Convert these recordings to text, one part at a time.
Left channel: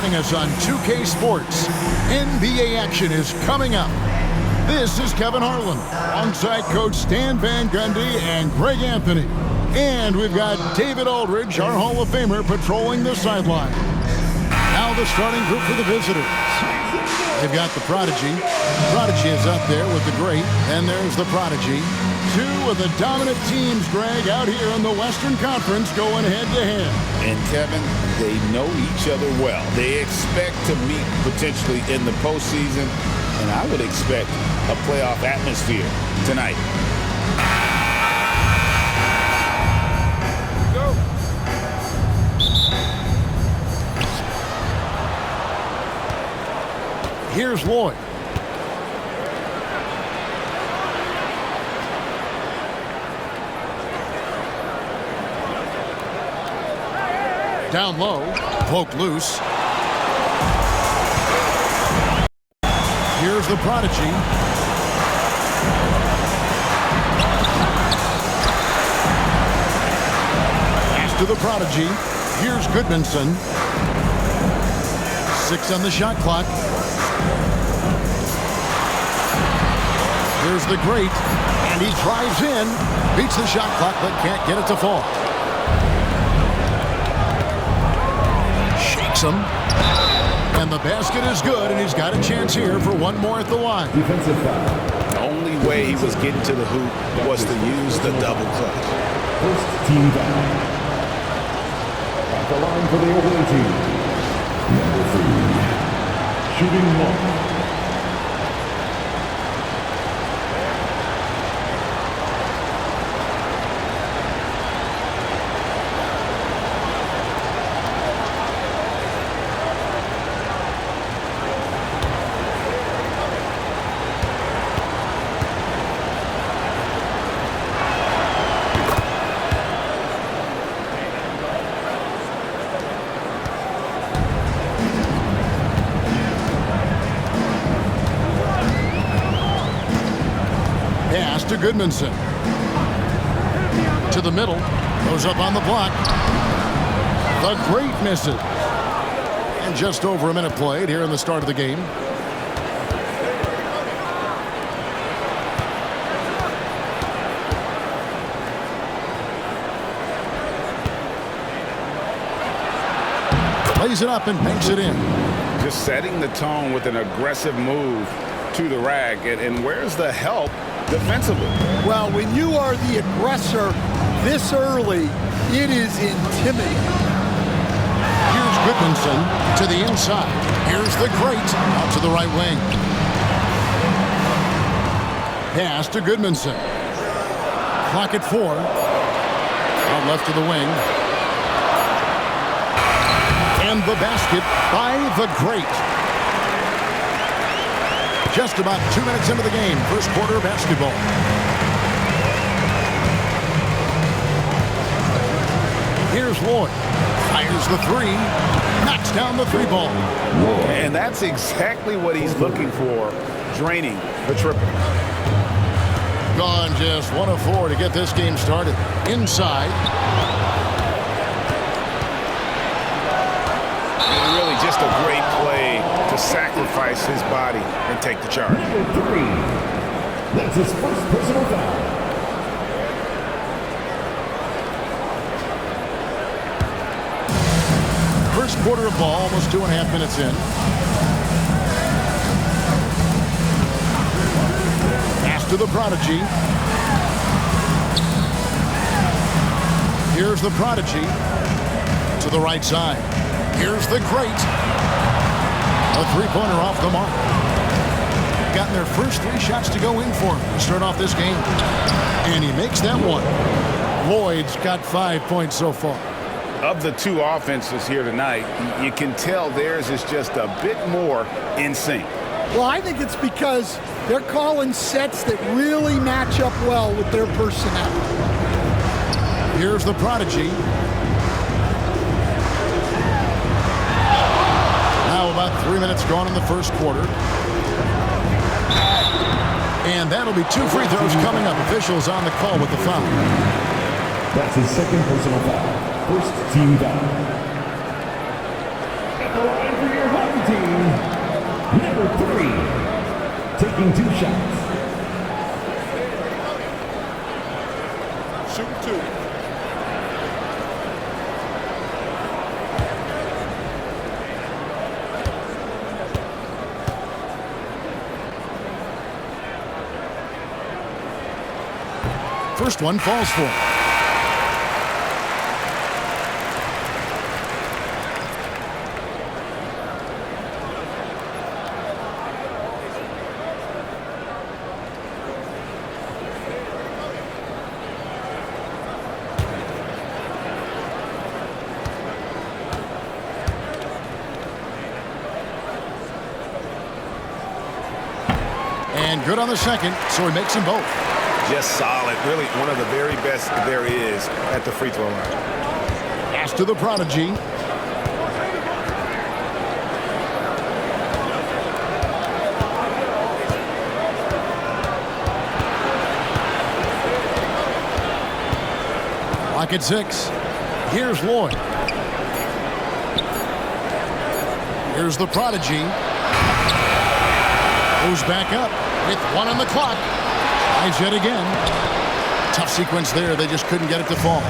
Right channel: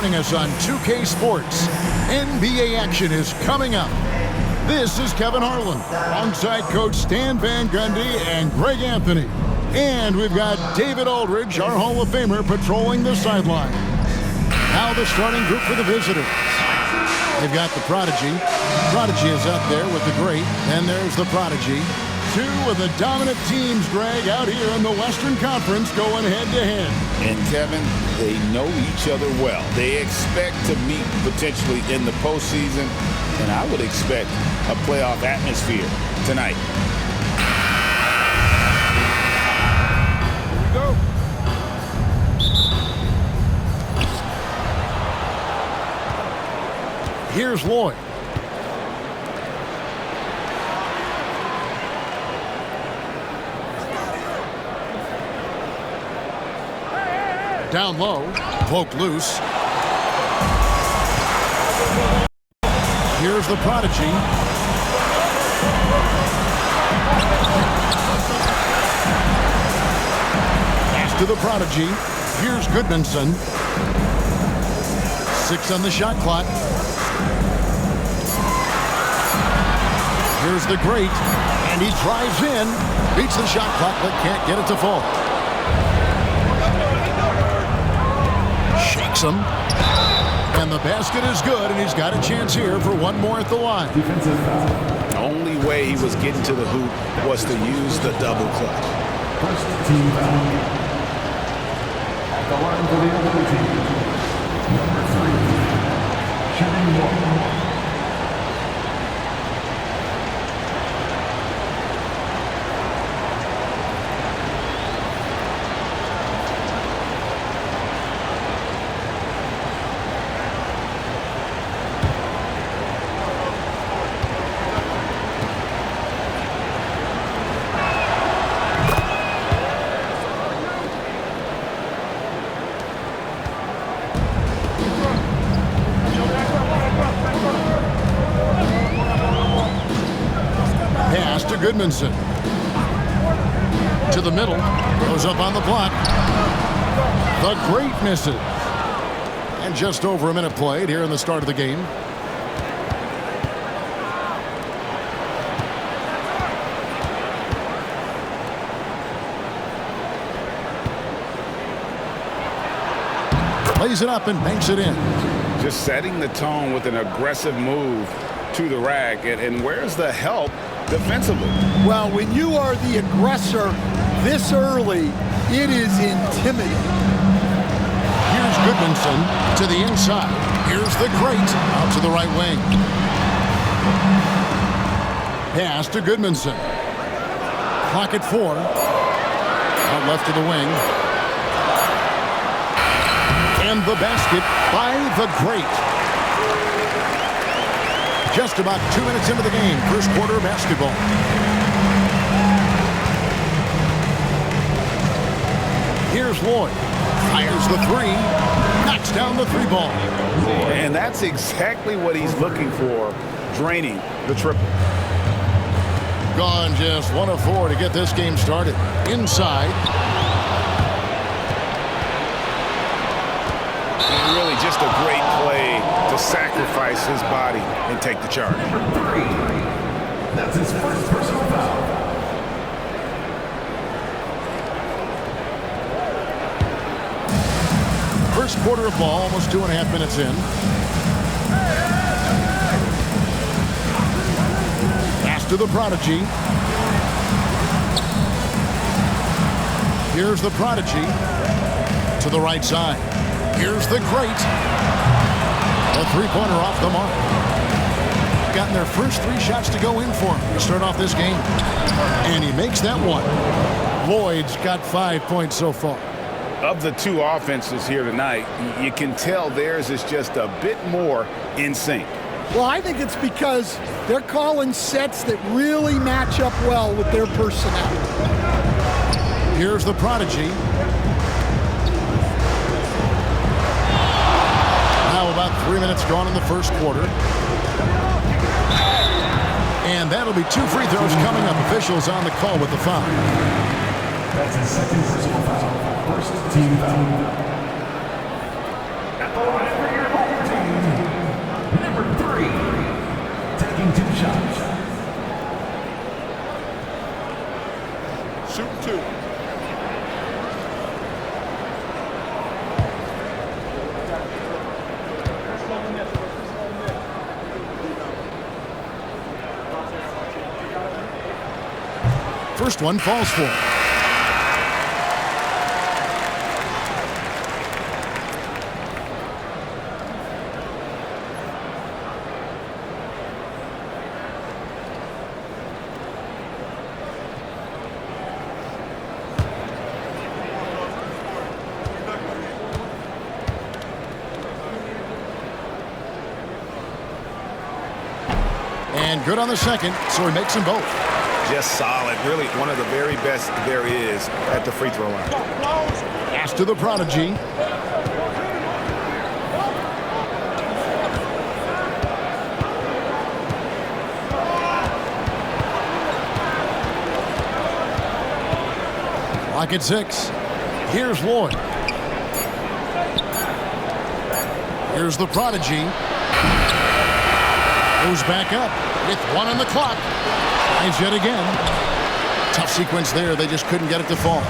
joining us on 2K Sports. NBA action is coming up. This is Kevin Harlan, alongside Coach Stan Van Gundy and Greg Anthony. And we've got David Aldridge, our Hall of Famer, patrolling the sideline. Now the starting group for the visitors. They've got the Prodigy. Prodigy is up there with the Great. Then there's the Prodigy. Two of the dominant teams, Greg, out here in the Western Conference going head-to-head. And, Kevin, they know each other well. They expect to meet potentially in the postseason, and I would expect a playoff atmosphere tonight. Here we go. Here's Lloyd. Down low, poked loose. Here's the Prodigy. Pass to the Prodigy. Here's Goodmanson. 6 on the shot clock. Here's the Great, and he drives in. Beats the shot clock, but can't get it to fall. Shakes him. And the basket is good, and he's got a chance here for one more at the line. Defensive foul. The only way he was getting to the hoop was to use the double clutch. First team foul. At the line for the away team. Number 3. Shooting 1. Pass to Goodmanson. To the middle. Goes up on the block. The Great misses. And just over a minute played here in the start of the game. Plays it up and banks it in. Just setting the tone with an aggressive move to the rack. And where's the help defensively? Well, when you are the aggressor this early, it is intimidating. Here's Goodmanson to the inside. Here's the Great out to the right wing. Pass to Goodmanson. Clock at 4. Out left to the wing. And the basket by the Great. Just about 2 minutes into the game. First quarter of basketball. Here's Lloyd. Fires the 3. Knocks down the 3 ball. And that's exactly what he's looking for, draining the triple. Gone just 1 of 4 to get this game started. Inside. And really just a great play to sacrifice his body and take the charge. Number 3. That's his first personal foul. First quarter of ball, almost 2.5 minutes in. Pass to the Prodigy. Here's the Prodigy to the right side. Here's the Great. A 3-pointer off the mark. Gotten their first 3 shots to go in for him to start off this game. And he makes that one. Lloyd's got 5 points so far. Of the 2 offenses here tonight, you can tell theirs is just a bit more in sync. Well, I think it's because they're calling sets that really match up well with their personnel. Here's the Prodigy. Now about 3 minutes gone in the first quarter. And that'll be 2 free throws coming up. Officials on the call with the foul. That's his second personal foul. First team foul. At the line for taking 2 shots. Shoot 2. First one falls for him. And good on the second, so he makes them both. Just solid. Really one of the very best there is at the free throw line. Pass to the prodigy. Lock at 6. Here's Lloyd. Here's the prodigy. Goes back up with 1 on the clock. Tries yet again. Tough sequence there. They just couldn't get it to fall.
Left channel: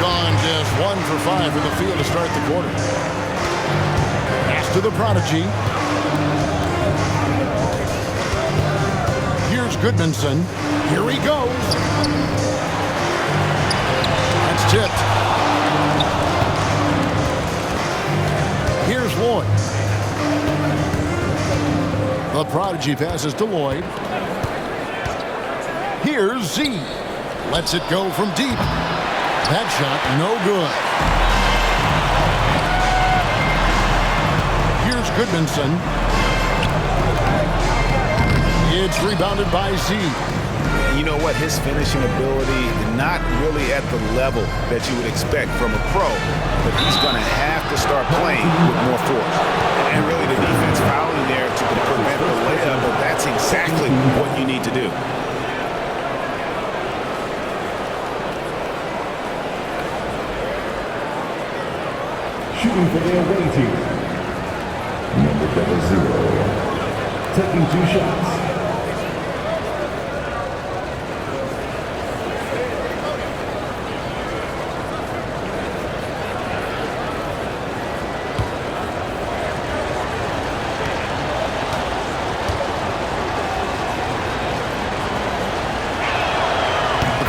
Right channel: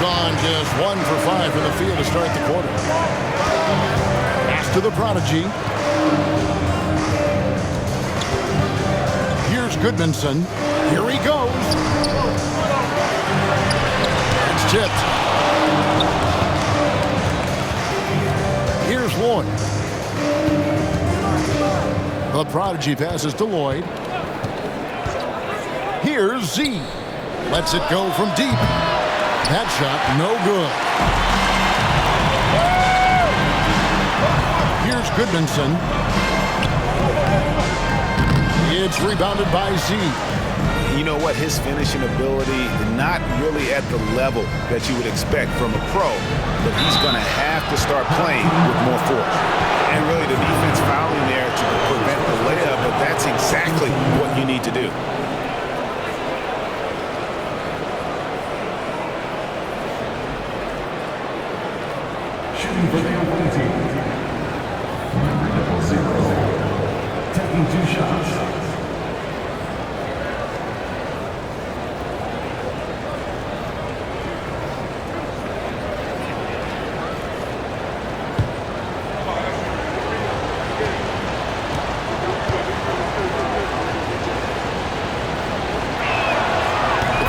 Gone just 1 for 5 from the field to start the quarter. Pass to the prodigy. Here's Goodmanson. Here he goes. That's tipped. Here's Lloyd. The prodigy passes to Lloyd. Here's Z. Lets it go from deep. That shot, no good. Here's Goodmanson. It's rebounded by Z. You know what? His finishing ability, not really at the level that you would expect from a pro, but he's going to have to start playing with more force. And really the defense fouling there to prevent the layup, but that's exactly what you need to do. Shooting for the away team. Number 00. Taking 2 shots.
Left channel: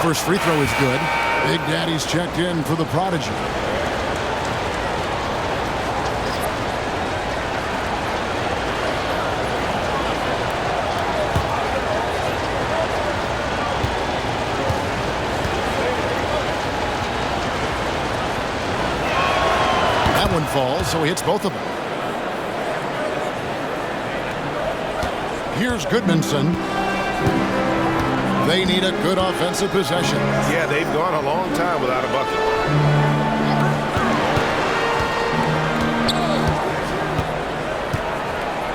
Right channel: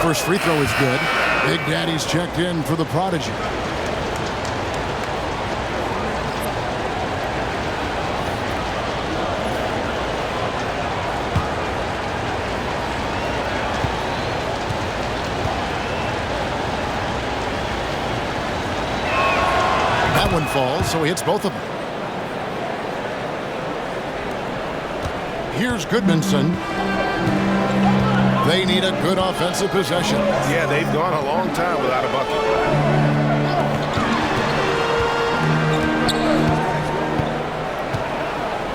First free throw is good. Big Daddy's checked in for the prodigy. That one falls, so he hits both of them. Here's Goodmanson. They need a good offensive possession. Yeah, they've gone a long time without a bucket.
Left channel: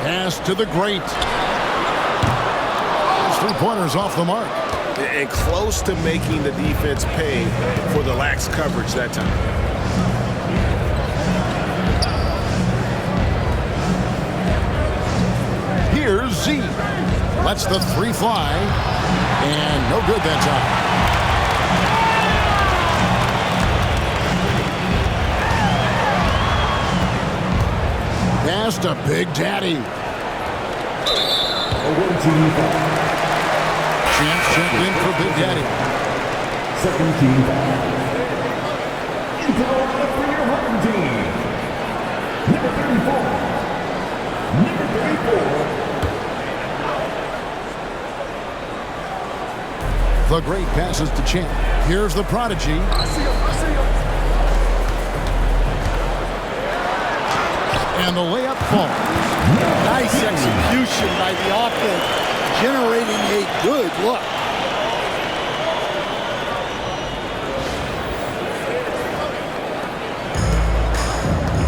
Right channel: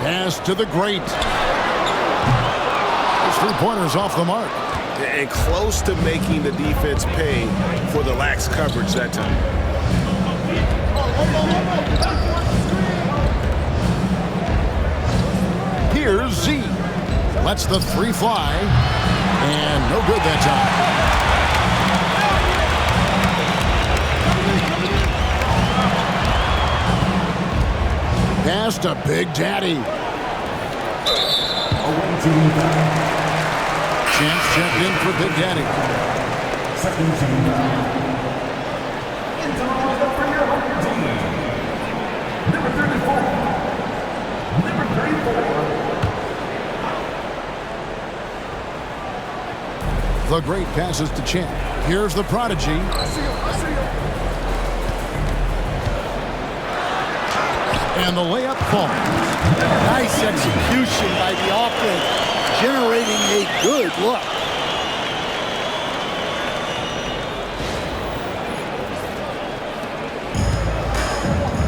Pass to the great. Those 3-pointers off the mark. And close to making the defense pay for the lax coverage that time. Here's Z. Lets the 3 fly. And no good that time. Pass to Big Daddy. Away team foul. Champs checked in for Big Daddy. Second team foul. Into the lineup for your home team. Number 34. Number 34. The great passes to Champ. Here's the prodigy. I see him. And the layup falls. Nice execution by the offense, generating a good look.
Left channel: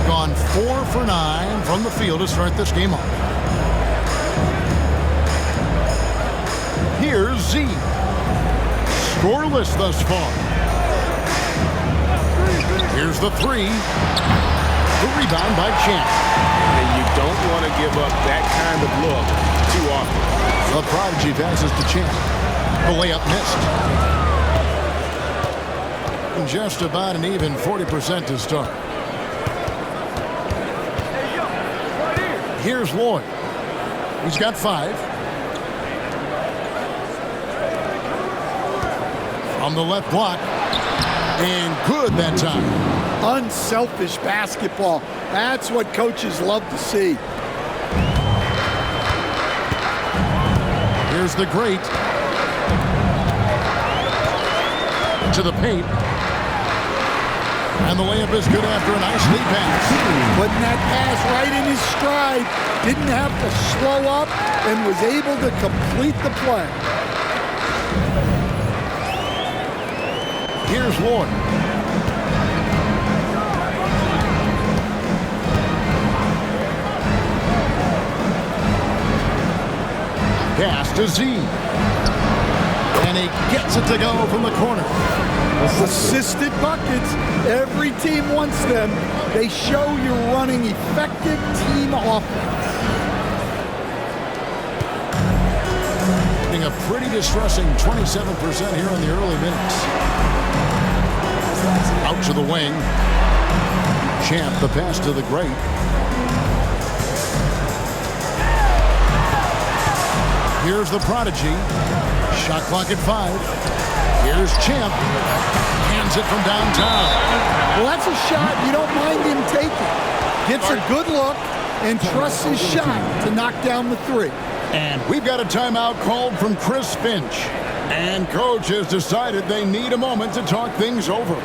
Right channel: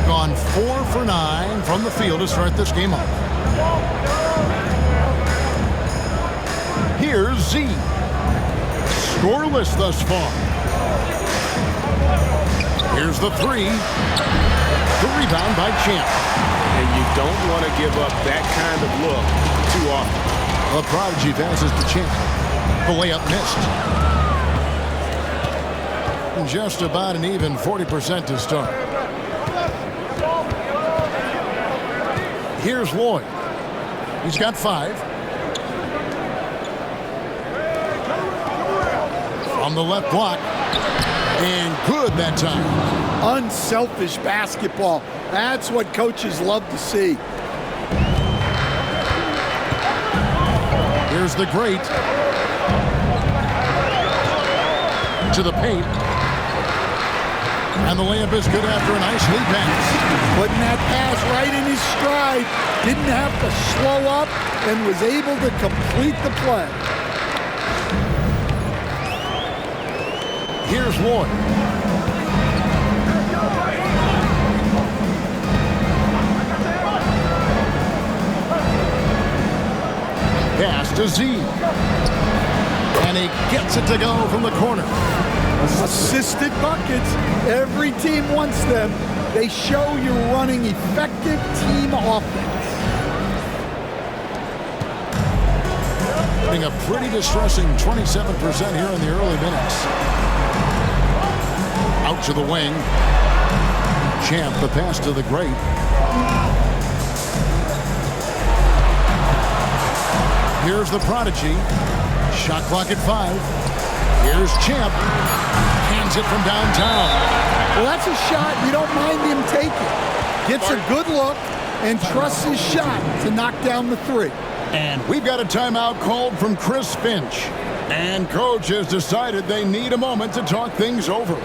Gone 4 for 9 from the field to start this game off. Here's Z. Scoreless thus far. Here's the 3. The rebound by Champ. And you don't want to give up that kind of look too often. The prodigy passes to Champ. The layup missed. Just about an even 40% to start. Here's Lloyd. He's got 5. From the left block. And good that time. Unselfish basketball. That's what coaches love to see. Here's the great. To the paint. And the layup is good after a nice lead pass. Putting that pass right in his stride. Didn't have to slow up and was able to complete the play. Here's Lloyd. Pass to Z. And he gets it to go from the corner. Assisted buckets. Every team wants them. They show you're running effective team offense. Getting a pretty distressing 27% here in the early minutes. Out to the wing. Champ, the pass to the great. Here's the prodigy. Shot clock at 5. Here's Champ. Hands it from downtown. Well, that's a shot you don't mind him taking. Gets a good look and trusts his shot to knock down the 3. And we've got a timeout called from Chris Finch. And coach has decided they need a moment to talk things over.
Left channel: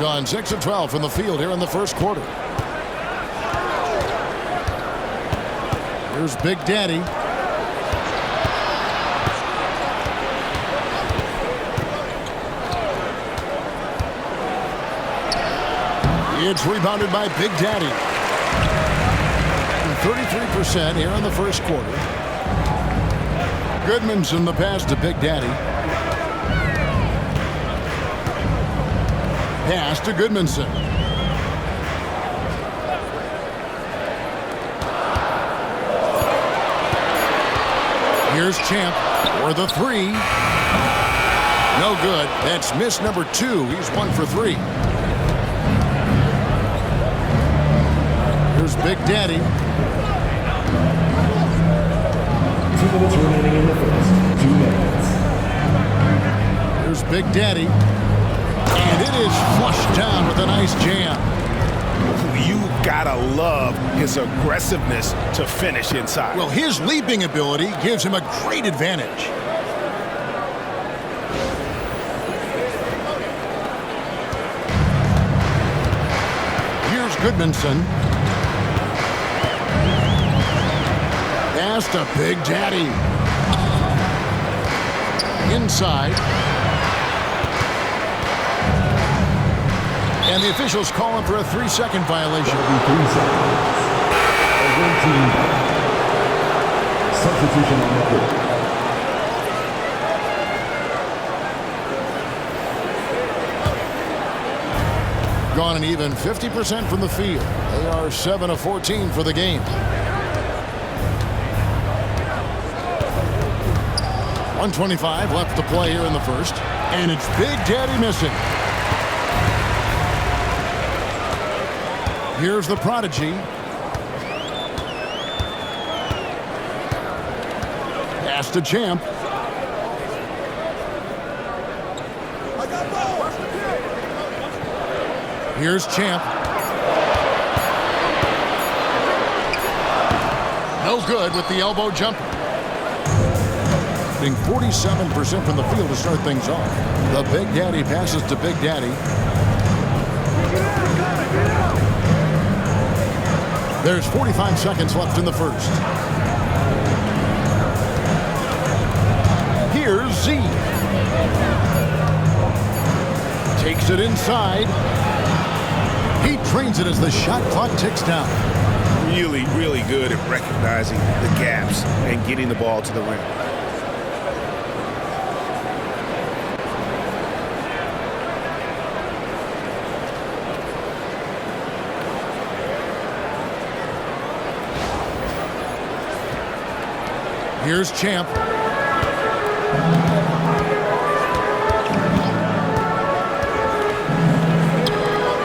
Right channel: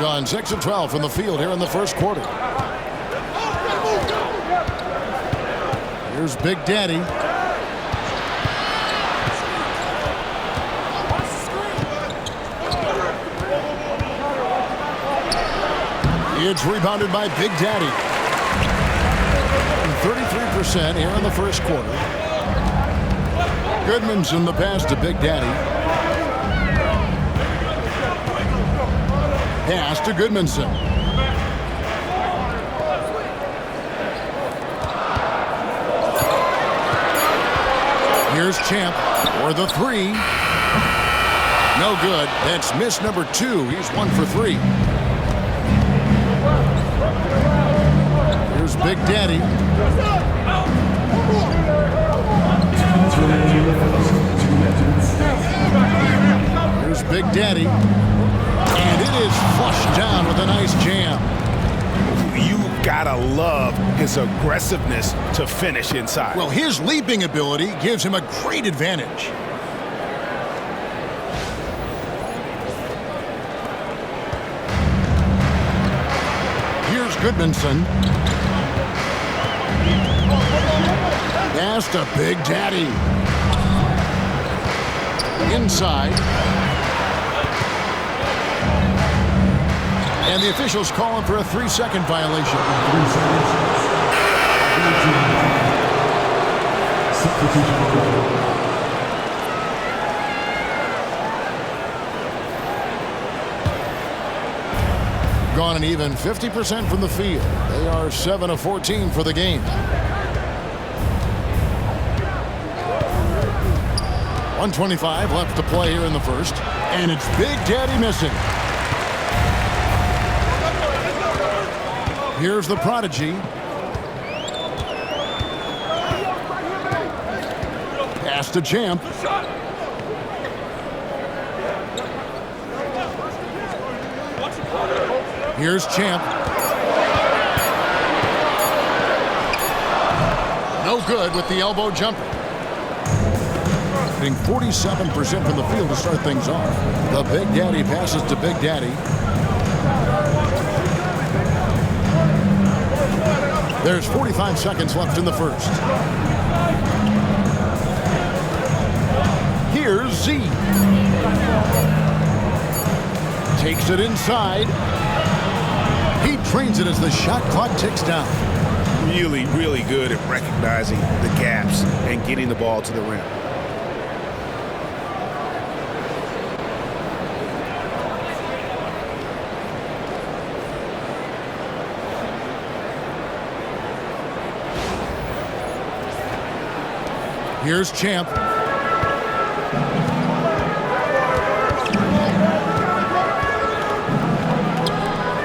Gone 6 of 12 from the field here in the first quarter. Here's Big Daddy. It's rebounded by Big Daddy. 33% here in the first quarter. Goodmanson the pass to Big Daddy. Pass to Goodmanson. Here's Champ for the 3. No good. That's miss number 2. He's 1 for 3. Here's Big Daddy. Here's Big Daddy. And it is flushed down with a nice jam. You've got to love his aggressiveness to finish inside. Well, his leaping ability gives him a great advantage. Here's Goodmanson. Pass to Big Daddy. Inside. And the officials call him for a 3-second violation. 3 seconds. Substitution on record. Gone an even 50% from the field. They are 7 of 14 for the game. 1:25 left to play here in the first. And it's Big Daddy missing. Here's the prodigy. Pass to Champ. Here's Champ. No good with the elbow jumper. Hitting 47% from the field to start things off. The Big Daddy passes to Big Daddy. There's 45 seconds left in the first. Here's Z. Takes it inside. He trains it as the shot clock ticks down. Really, really good at recognizing the gaps and getting the ball to the rim. Here's Champ.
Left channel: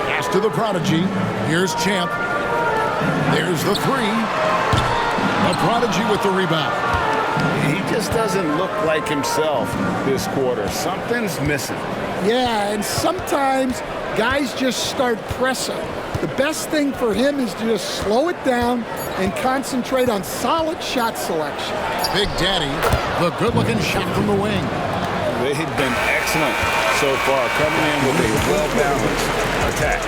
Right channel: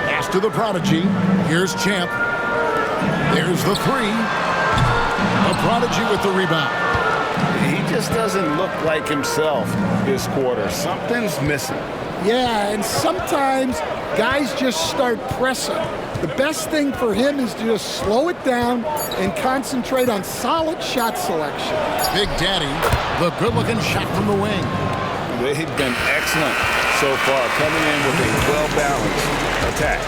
Pass to the prodigy. Here's Champ. There's the three. The prodigy with the rebound. He just doesn't look like himself this quarter. Something's missing. Yeah, and sometimes guys just start pressing. The best thing for him is to just slow it down and concentrate on solid shot selection. Big Daddy, the good-looking shot from the wing. They've been excellent so far, coming in with a well-balanced attack.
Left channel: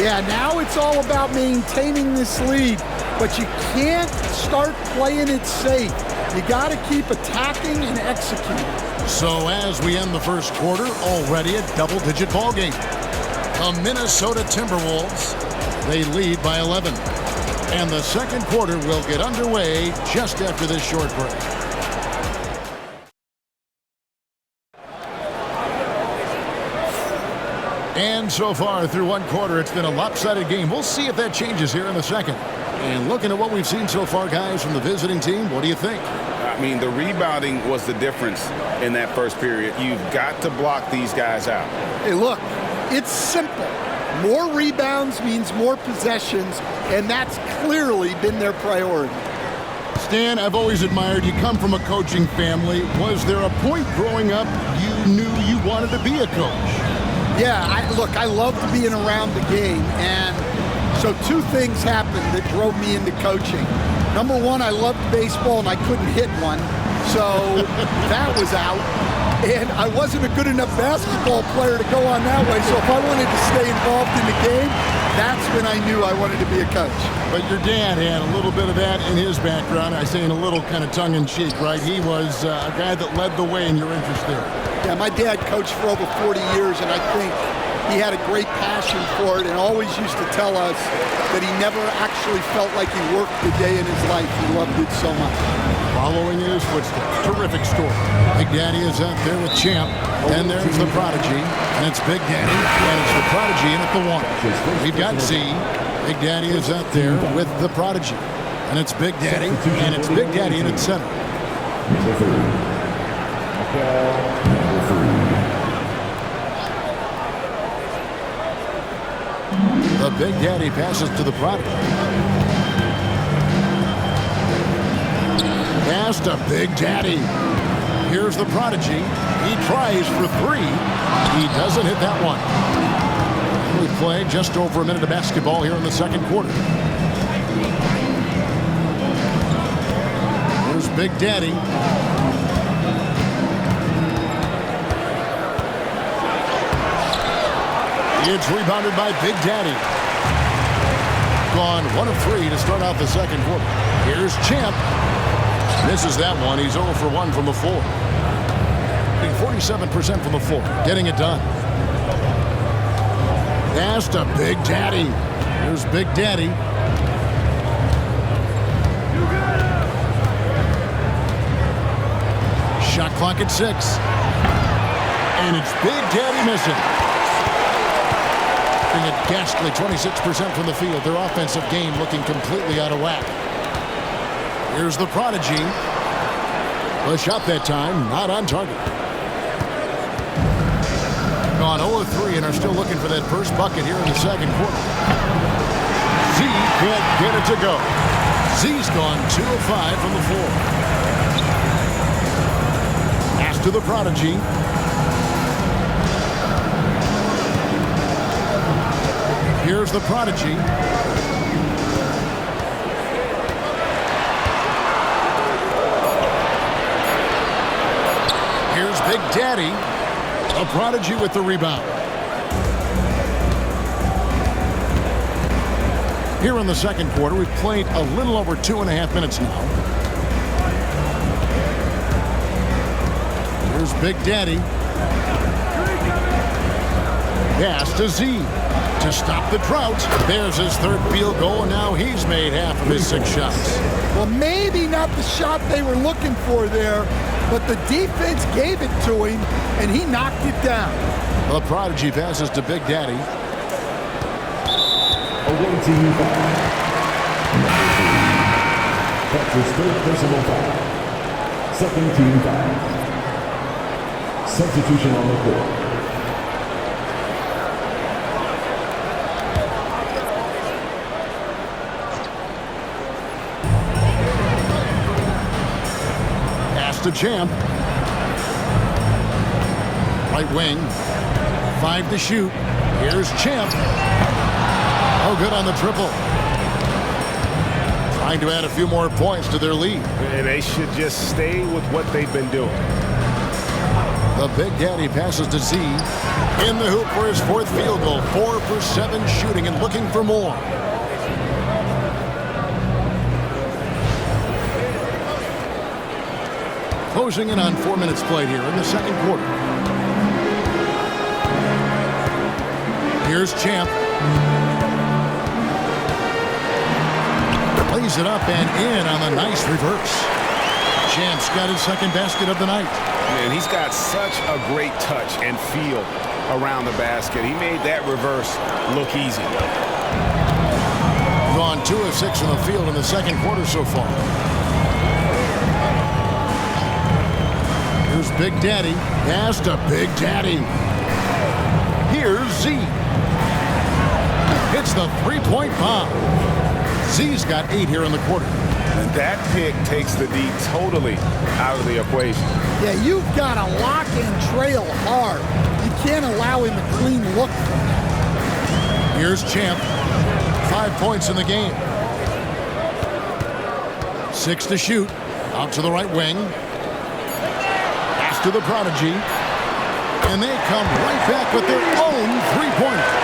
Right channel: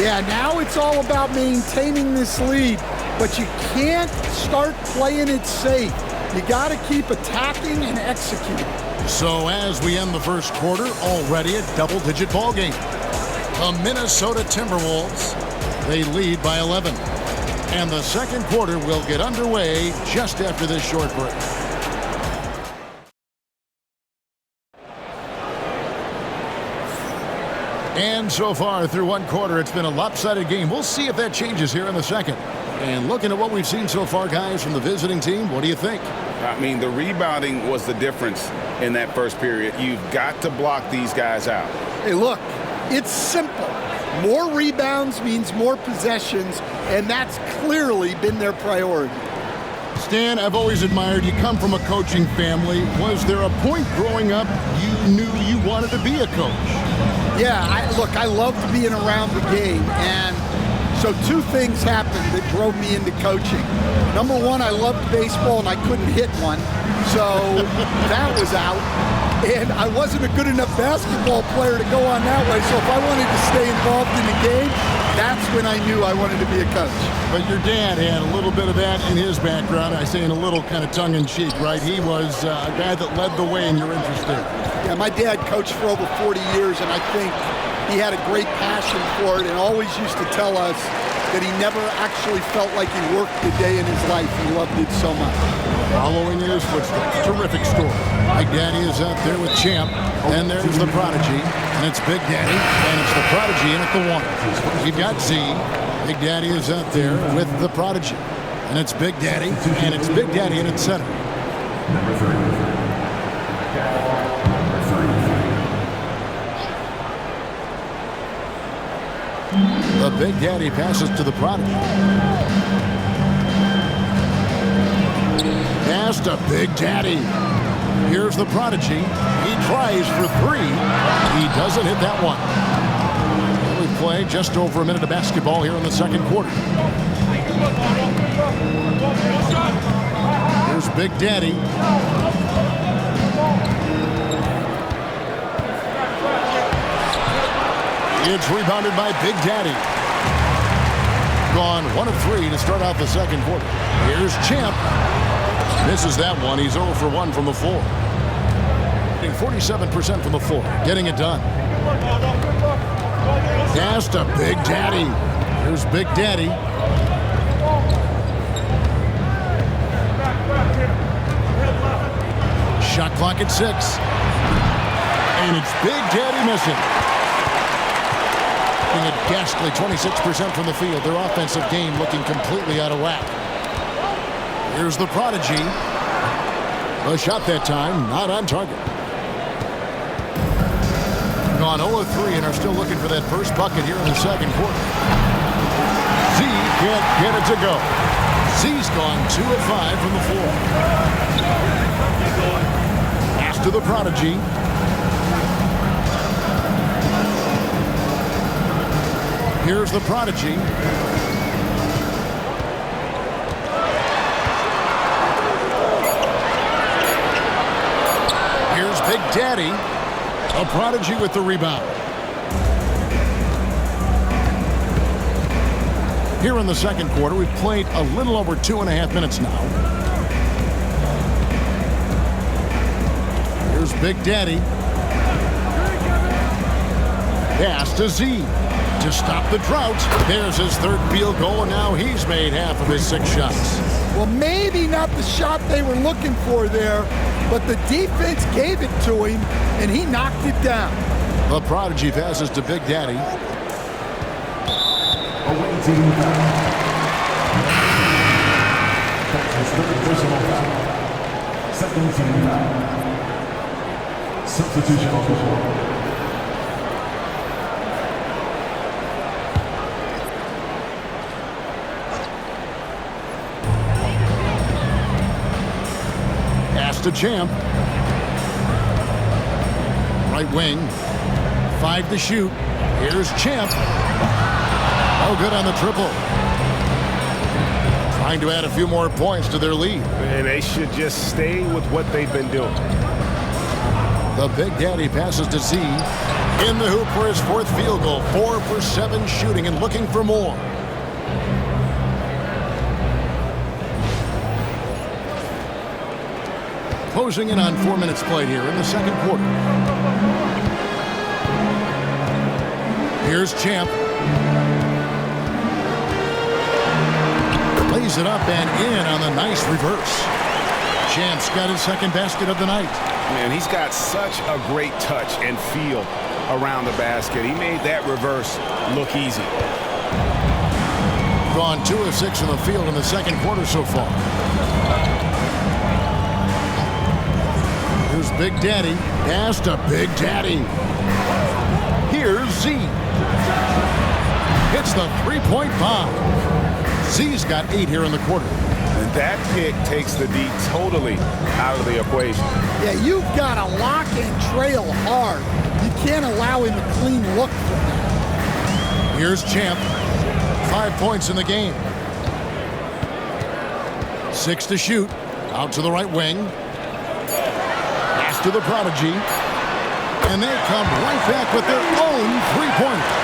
Yeah, now it's all about maintaining this lead, but you can't start playing it safe. You got to keep attacking and executing. So as we end the first quarter, already a double-digit ball game. The Minnesota Timberwolves, they lead by 11. And the second quarter will get underway just after this short break. And so far through one quarter, it's been a lopsided game. We'll see if that changes here in the second. And looking at what we've seen so far, guys, from the visiting team, what do you think? I mean, the rebounding was the difference in that first period. You've got to block these guys out. Hey, look, it's simple. More rebounds means more possessions, and that's clearly been their priority. Stan, I've always admired you. Come from a coaching family. Was there a point growing up you knew you wanted to be a coach? Yeah, I loved being around the game, and so two things happened that drove me into coaching. Number one, I loved baseball, and I couldn't hit one, so that was out. And I wasn't a good enough basketball player to go on that way, so if I wanted to stay involved in the game, that's when I knew I wanted to be a coach. But your dad had a little bit of that in his background. I say in a little kind of tongue-in-cheek, right? He was a guy that led the way in your interest there. Yeah, my dad coached for over 40 years, and I think he had a great passion for it and always used to tell us that he never actually felt like he worked the day in his life. He loved it so much. Following in his footsteps. Terrific story. Big Daddy is out there with Champ. Then there's the prodigy, and it's Big Daddy, and it's the prodigy in at the one. We've got Z. Big Daddy is out there with the prodigy, and it's Big Daddy, and it's Big Daddy in at center. Number 3. The Big Daddy passes to the prodigy. Pass to Big Daddy. Here's the prodigy. He tries for three. He doesn't hit that one. And we play just over a minute of basketball here in the second quarter. Here's Big Daddy. It's rebounded by Big Daddy. Gone 1 of 3 to start out the second quarter. Here's Champ. Misses that one. He's 0 for 1 from the floor. 47% from the floor. Getting it done. Pass to Big Daddy. Here's Big Daddy. Shot clock at 6. And it's Big Daddy missing. Being a ghastly 26% from the field. Their offensive game looking completely out of whack. Here's the prodigy. The shot that time, not on target. Gone 0-3 and are still looking for that first bucket here in the second quarter. Z can't get it to go. Z's gone 2 of 5 from the floor. Pass to the prodigy. Here's the prodigy. Here's Big Daddy. A prodigy with the rebound. Here in the second quarter, we've played a little over 2.5 minutes now. Here's Big Daddy. Pass to Z. To stop the drought. There's his third field goal, and now he's made half of his 6 shots. Well, maybe not the shot they were looking for there, but the defense gave it to him, and he knocked it down. The prodigy passes to Big Daddy. Away team foul. That's his third personal foul. Second team foul. Substitution on the court. To Champ. Right wing. 5 to shoot. Here's Champ. Oh, good on the triple. Trying to add a few more points to their lead. And they should just stay with what they've been doing. The Big Daddy passes to Z. In the hoop for his 4th field goal. 4 for 7 shooting and looking for more. Closing in on 4 minutes played here in the second quarter. Here's Champ. Lays it up and in on the nice reverse. Champ's got his second basket of the night. Man, he's got such a great touch and feel around the basket. He made that reverse look easy. Gone 2 of 6 in the field in the second quarter so far. Here's Big Daddy. Pass to Big Daddy. Here's Z. Hits the three-point bomb. Z's got 8 here in the quarter. And that pick takes the D totally out of the equation. Yeah, you've got to lock and trail hard. You can't allow him a clean look from that. Here's Champ. 5 points in the game. 6 to shoot. Out to the right wing. Pass to the prodigy. And they come right back with their own three-pointer.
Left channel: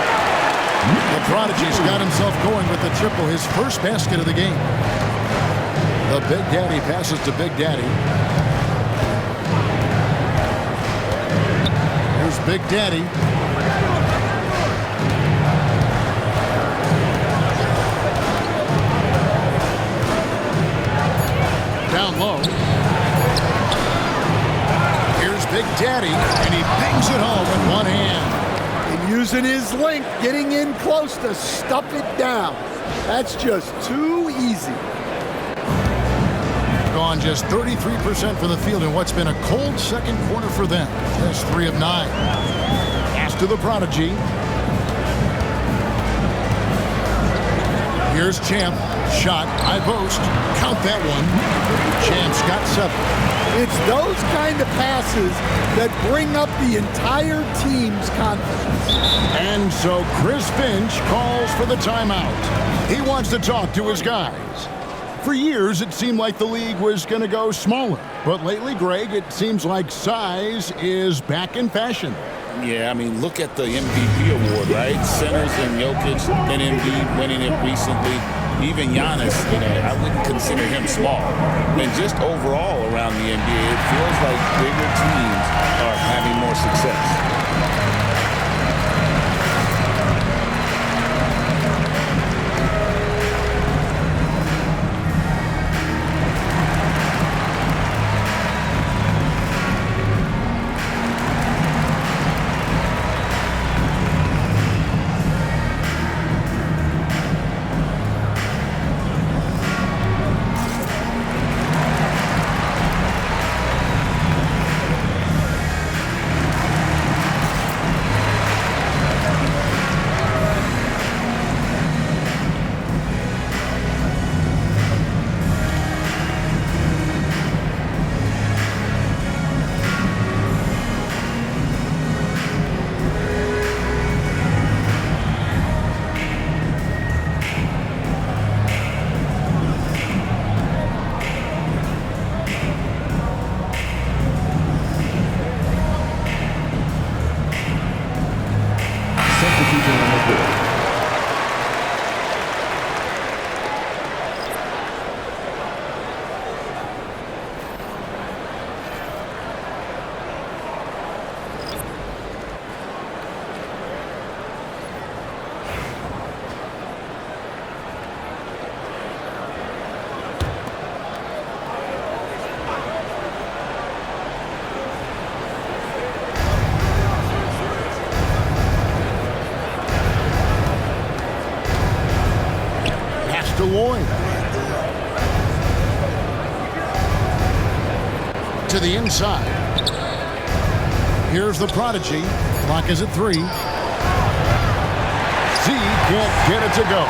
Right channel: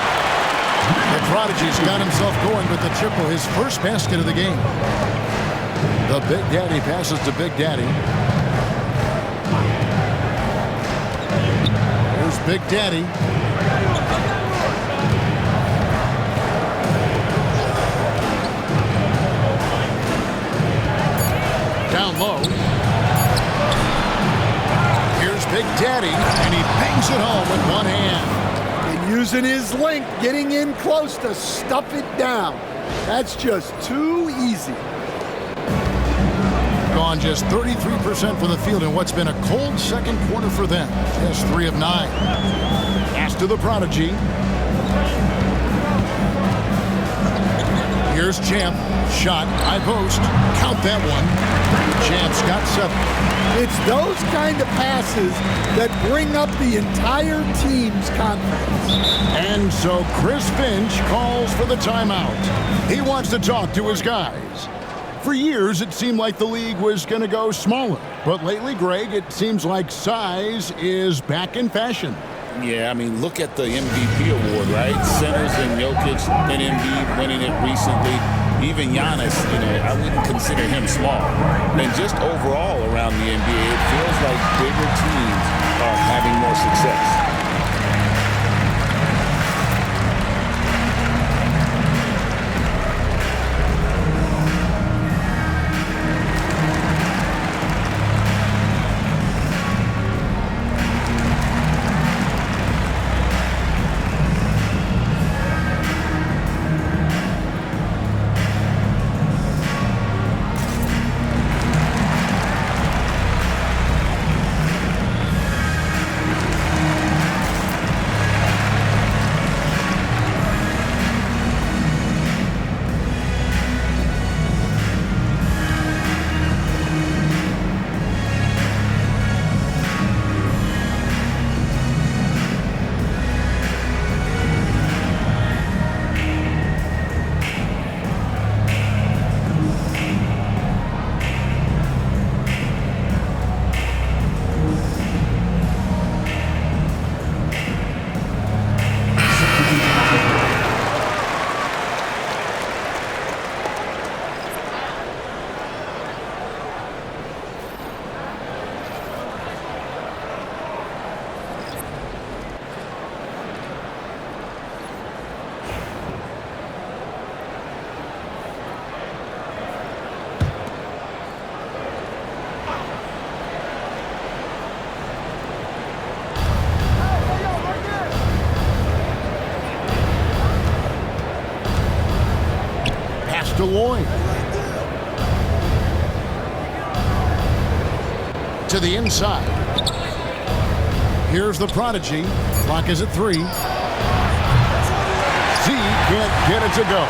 The prodigy's got himself going with the triple, his first basket of the game. The Big Daddy passes to Big Daddy. Here's Big Daddy. Down low. Here's Big Daddy, and he bangs it home with one hand. And using his length, getting in close to stuff it down. That's just too easy. Gone just 33% from the field in what's been a cold second quarter for them. Just 3 of 9. Pass to the prodigy. Here's Champ. Shot, high post. Count that one. Champ's got 7. It's those kind of passes that bring up the entire team's confidence. And so Chris Finch calls for the timeout. He wants to talk to his guys. For years, it seemed like the league was going to go smaller. But lately, Greg, it seems like size is back in fashion. Yeah, I mean, look at the MVP award, right? Centers and Jokic and Embiid winning it recently. Even Giannis, I wouldn't consider him small. And just overall around the NBA, it feels like bigger teams are having more success. to Lloyd. To the inside. Here's the prodigy. Clock is at 3. Z can't get it to go.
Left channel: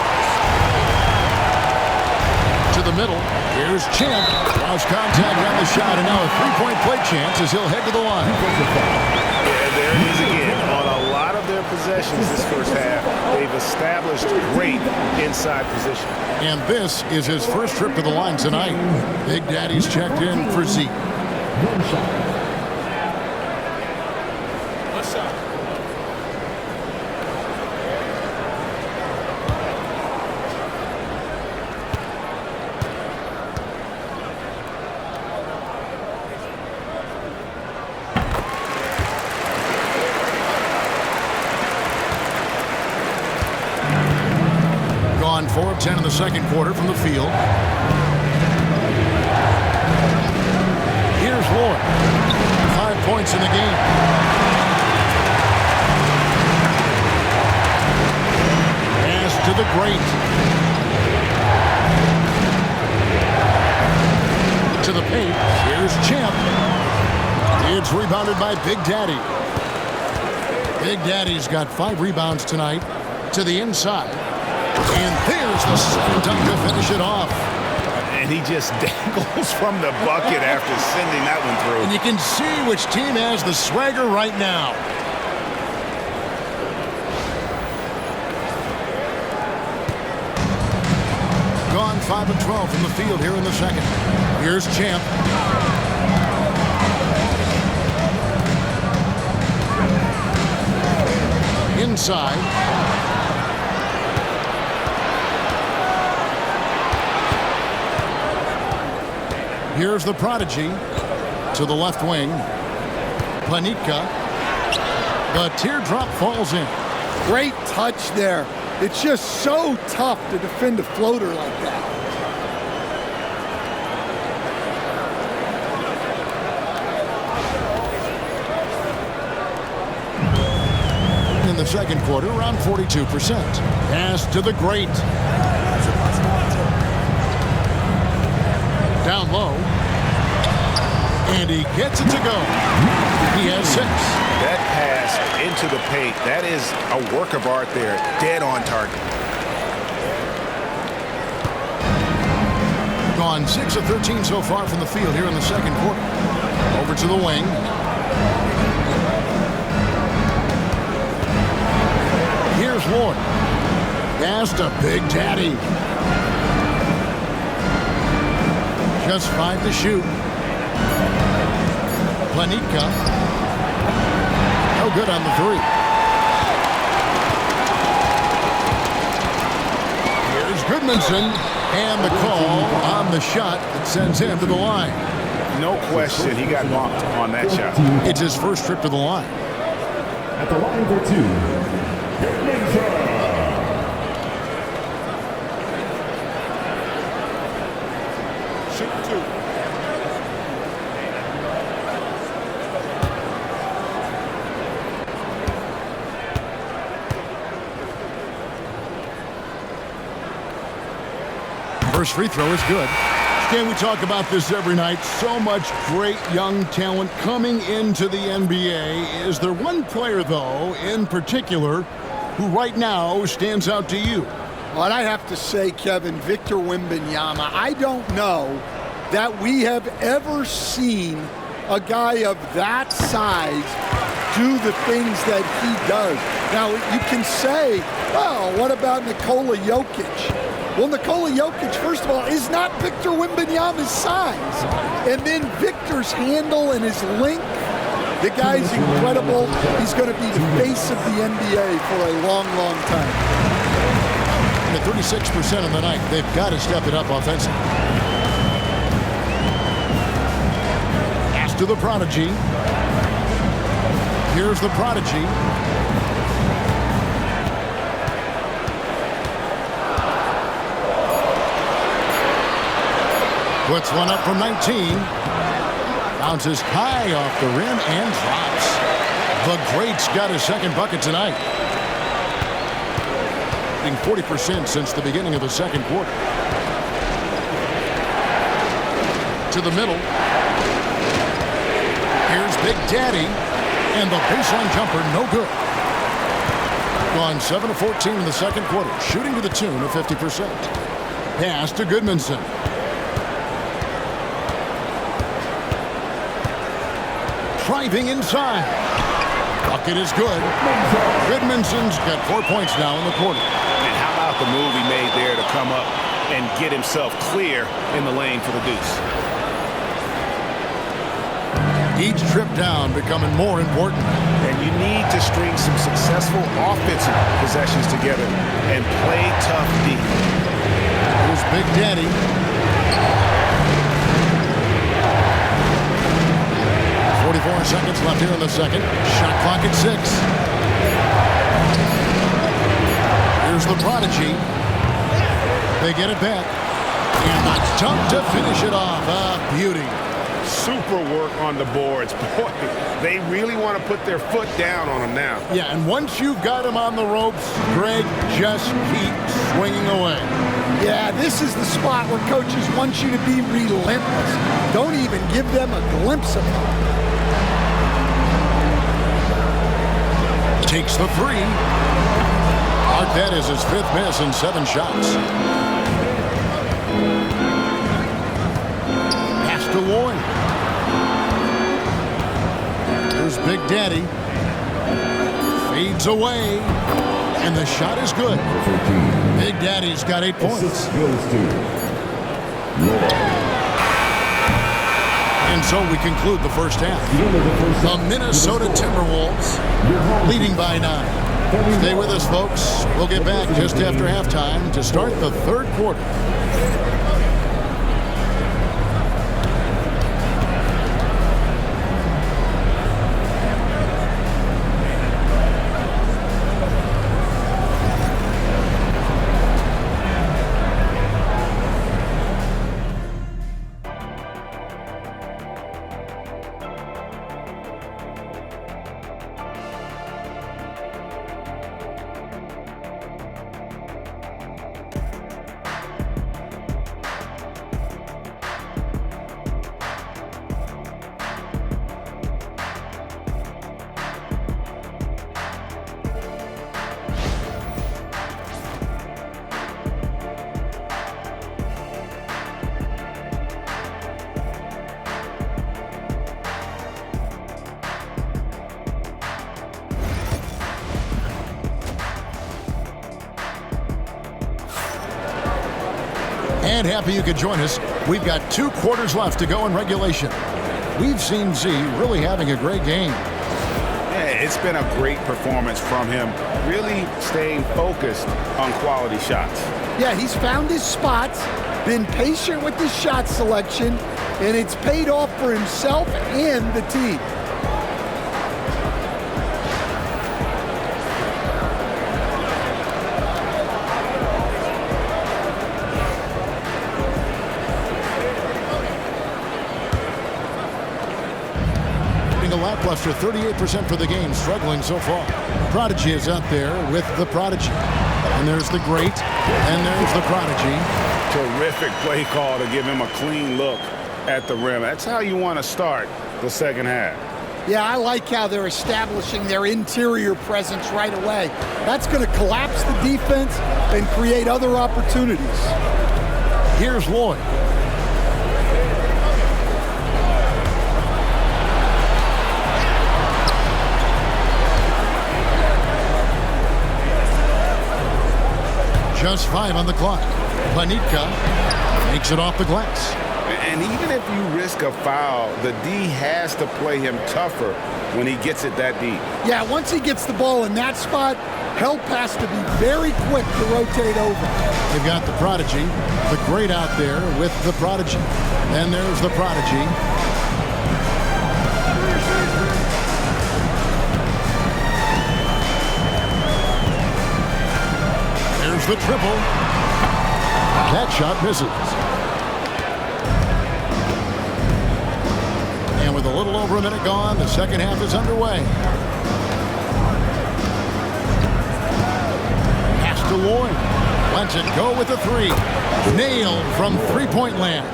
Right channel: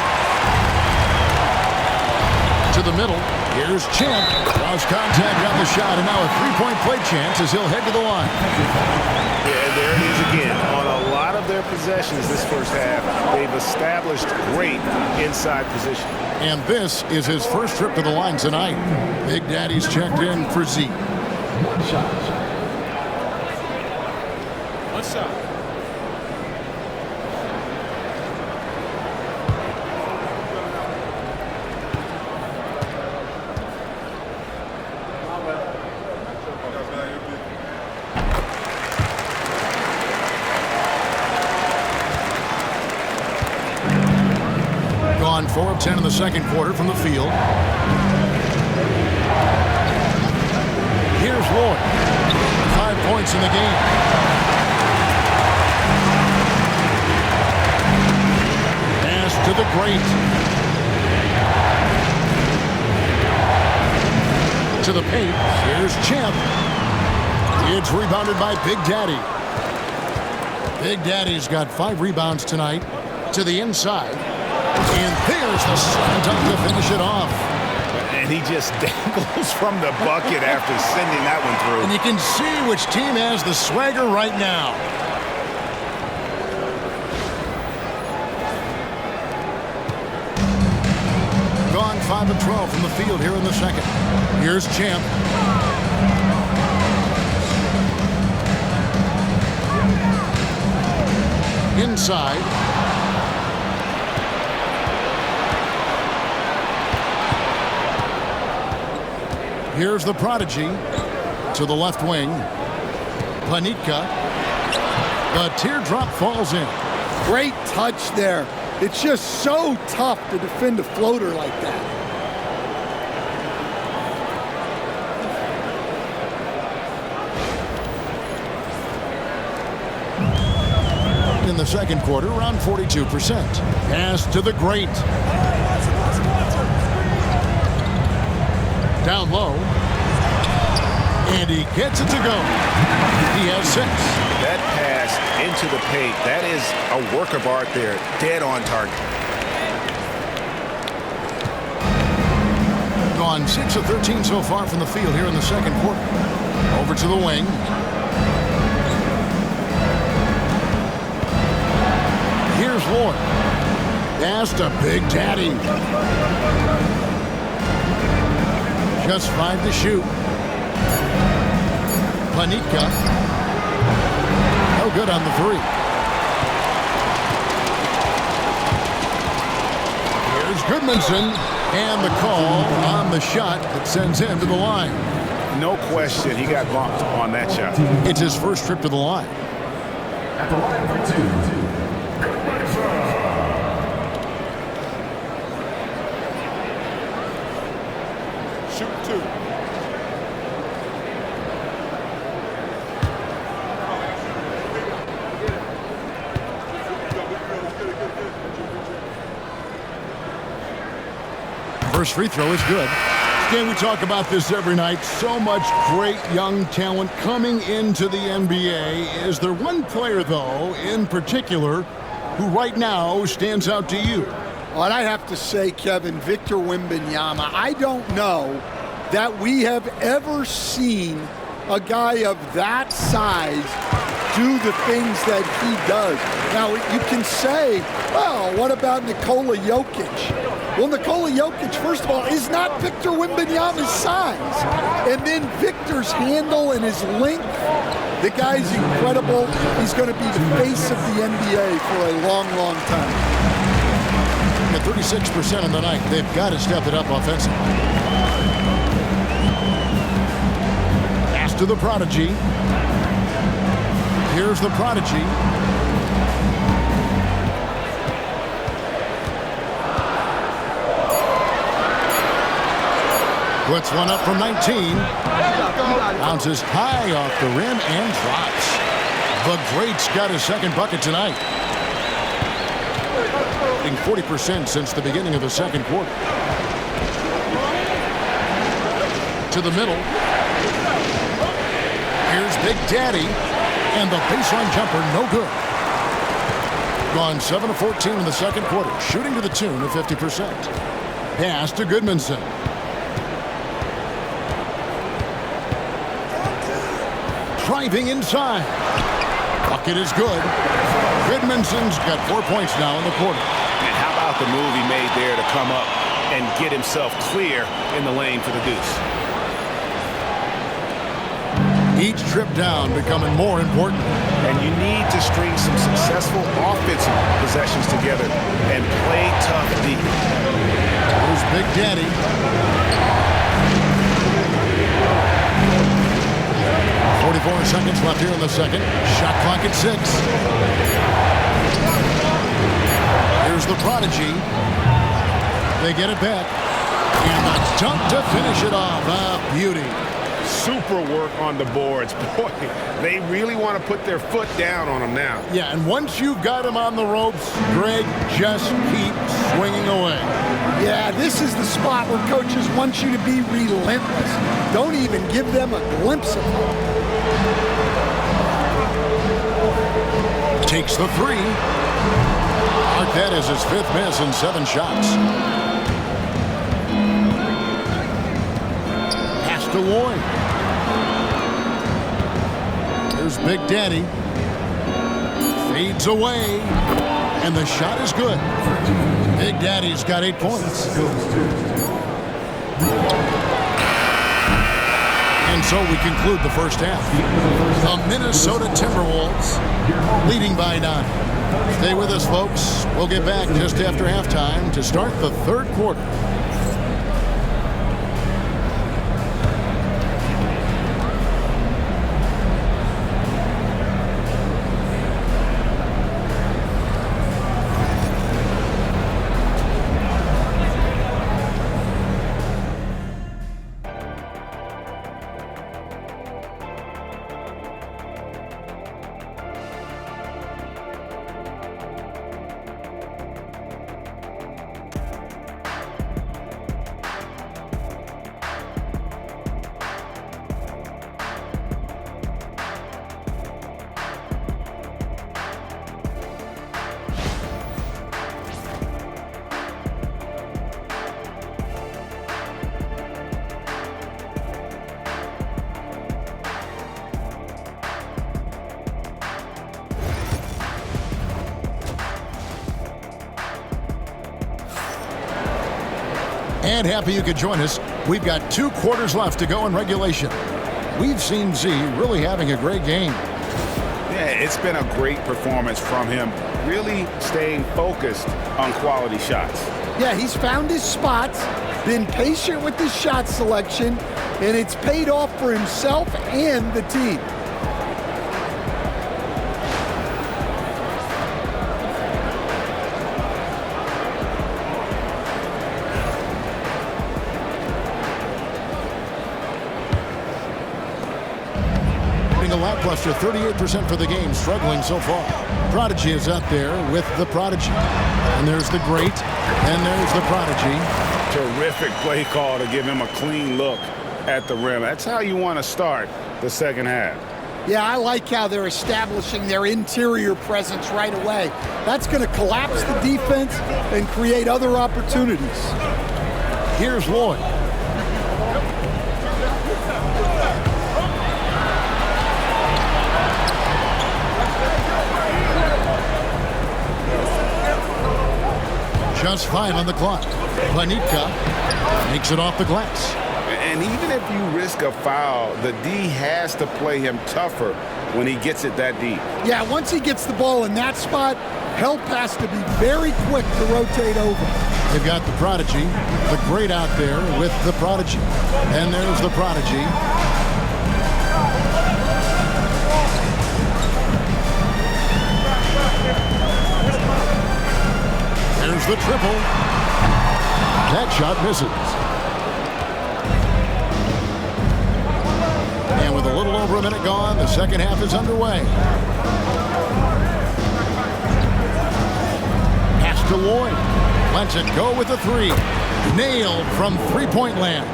To the middle. Here's Champ. Lost contact on the shot, and now a three-point play chance as he'll head to the line. Yeah, there it is again. On a lot of their possessions this first half, they've established great inside position. And this is his first trip to the line tonight. Big Daddy's checked in for Z. One shot. What's up? Gone 4 of 10 in the second quarter from the field. Here's Lloyd. 5 points in the game. Pass to the great. To the paint. Here's Champ. It's rebounded by Big Daddy. Big Daddy's got 5 rebounds tonight. To the inside. And there's the slam dunk to finish it off. And he just dangles from the bucket after sending that one through. And you can see which team has the swagger right now. Gone 5 of 12 from the field here in the second. Here's Champ. Inside. Here's the prodigy to the left wing. Planitka. The teardrop falls in. Great touch there. It's just so tough to defend a floater like that. In the second quarter, around 42%. Pass to the great. Down low. And he gets it to go. He has 6. That pass into the paint, that is a work of art there. Dead on target. Gone 6 of 13 so far from the field here in the second quarter. Over to the wing. Here's Lloyd. Pass to Big Daddy. Just 5 to shoot. Planitka. No good on the 3. Here's Goodmanson. And the call on the shot that sends him to the line. No question, he got bumped on that shot. It's his first trip to the line. At the line for 2. Shoot 2. First free throw is good. Stan, we talk about this every night. So much great young talent coming into the NBA. Is there one player, though, in particular, who right now stands out to you? Well, I have to say, Kevin, Victor Wembanyama. I don't know that we have ever seen a guy of that size do the things that he does. Now, you can say, well, what about Nikola Jokic? Well, Nikola Jokic, first of all, is not Victor Wembanyama's size. And then Victor's handle and his length, the guy's incredible. He's going to be the face of the NBA for a long, long time. At 36% on the night, they've got to step it up offensively. Pass to the prodigy. Here's the prodigy. Puts one up from 19. Bounces high off the rim and drops. The great's got his second bucket tonight. shooting 40% since the beginning of the second quarter. To the middle. Here's Big Daddy. And the baseline jumper, no good. Gone 7 of 14 in the second quarter, shooting to the tune of 50%. Pass to Goodmanson. Driving inside. Bucket is good. Goodmanson's got 4 points now in the quarter. And how about the move he made there to come up and get himself clear in the lane for the deuce? Each trip down becoming more important. And you need to string some successful offensive possessions together and play tough deep. Here's Big Daddy. .44 seconds left here in the second. Shot clock at 6. Here's the Prodigy. They get it back. And the dunk to finish it off. A beauty. Super work on the boards. Boy, they really want to put their foot down on him now. Yeah, and once you've got him on the ropes, Greg, just keep swinging away. Yeah, this is the spot where coaches want you to be relentless. Don't even give them a glimpse of hope. Takes the three. Mark that as his 5th miss in 7 shots. Pass to Lloyd. Here's Big Daddy. Fades away. And the shot is good. Big Daddy's got 8 points. And so we conclude the first half. The Minnesota Timberwolves leading by 9. Stay with us, folks. We'll get back just after halftime to start the third quarter. And happy you could join us. We've got 2 quarters left to go in regulation. We've seen Z really having a great game. Yeah, it's been a great performance from him, really staying focused on quality shots. Yeah, he's found his spots, been patient with his shot selection, and it's paid off for himself and the team. A lackluster 38% for the game, struggling so far. Prodigy is out there with the Prodigy. And there's the Great, and there's the Prodigy. Terrific play call to give him a clean look at the rim. That's how you want to start the second half. Yeah, I like how they're establishing their interior presence right away. That's going to collapse the defense and create other opportunities. Here's Lloyd. Just 5 on the clock. Planitka makes it off the glass. And even if you risk a foul, the D has to play him tougher when he gets it that deep. Yeah, once he gets the ball in that spot, help has to be very quick to rotate over. They've got the Prodigy, the Great out there with the Prodigy. And there's the Prodigy. There's the triple. That shot misses. And with a little over a minute gone, the second half is underway. Pass to Lloyd. Lets it go with a three. Nailed from three-point land.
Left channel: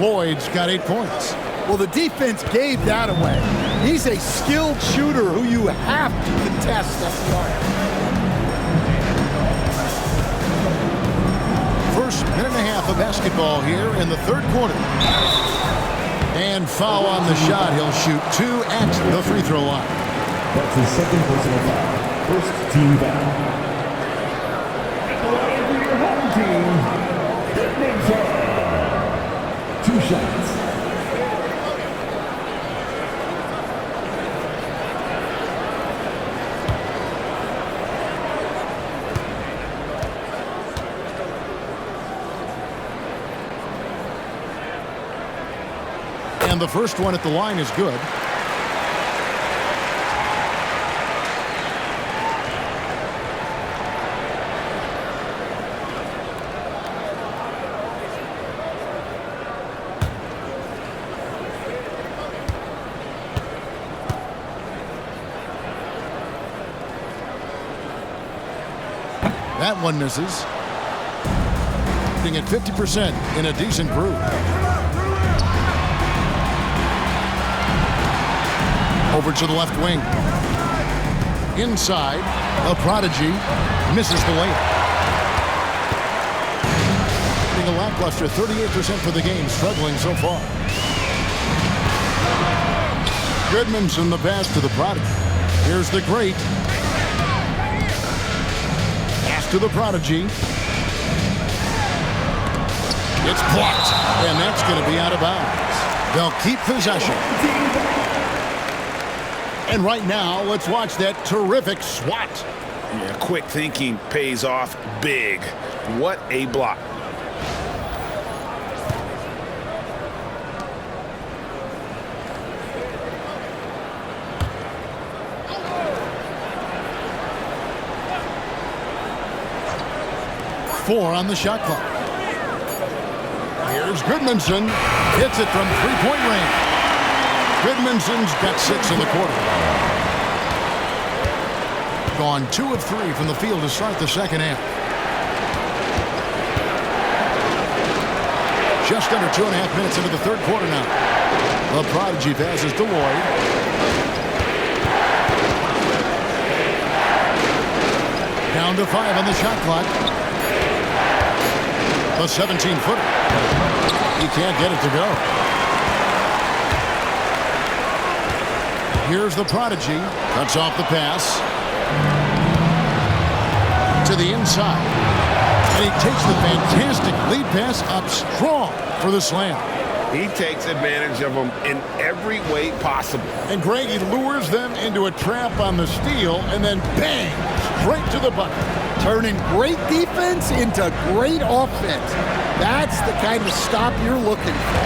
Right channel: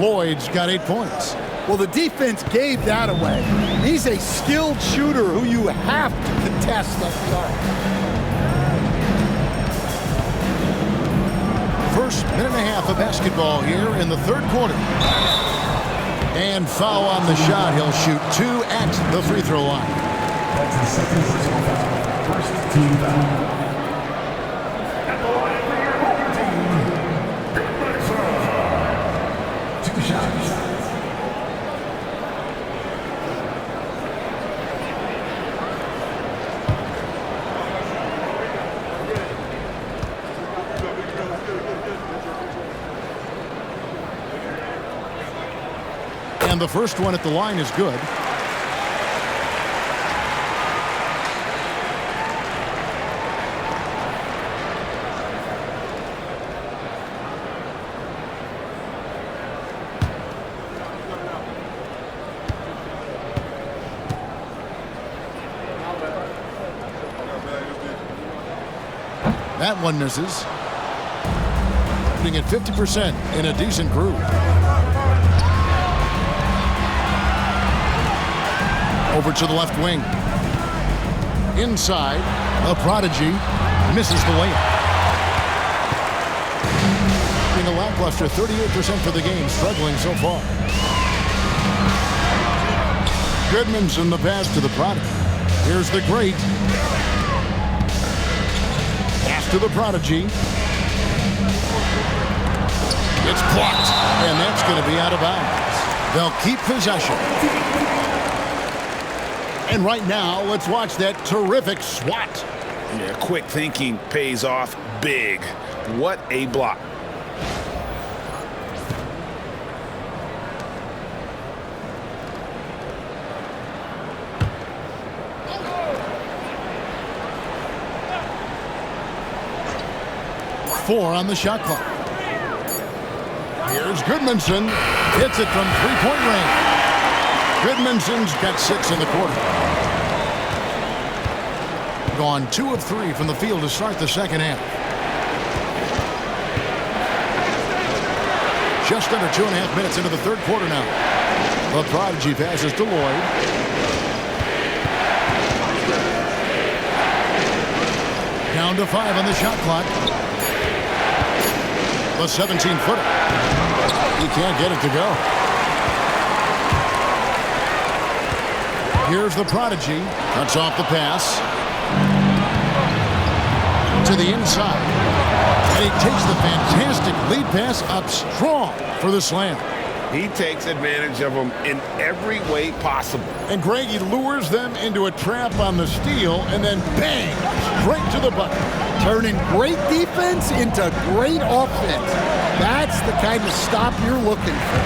Lloyd's got 8 points. Well, the defense gave that away. He's a skilled shooter who you have to contest at the arc. First minute and a half of basketball here in the third quarter. And foul on the shot. He'll shoot 2 at the free throw line. That's his second personal foul. First team foul. At the line for your home team, Goodmanson. 2 shots. And the first one at the line is good. That one misses. Shooting at 50% in a decent groove. Over to the left wing. Inside, the prodigy misses the layup. Being a lackluster 38% for the game, struggling so far. Goodmanson the pass to the prodigy. Here's the great. Pass to the prodigy. It's blocked, and that's going to be out of bounds. They'll keep possession. And right now, let's watch that terrific swat. Yeah, quick thinking pays off big. What a block. Four on the shot clock. Here's Goodmanson. Hits it from three-point range. Goodmanson's got 6 in the quarter. Gone 2 of 3 from the field to start the second half. Just under 2.5 minutes into the third quarter now. The prodigy passes to Lloyd. Down to 5 on the shot clock. The 17-footer. He can't get it to go. Here's the prodigy. Cuts off the pass. To the inside. And he takes the fantastic lead pass up strong for the slam. He takes advantage of them in every way possible. And Greg, he lures them into a trap on the steal and then bang, straight to the bucket. Turning great defense into great offense. That's the kind of stop you're looking for.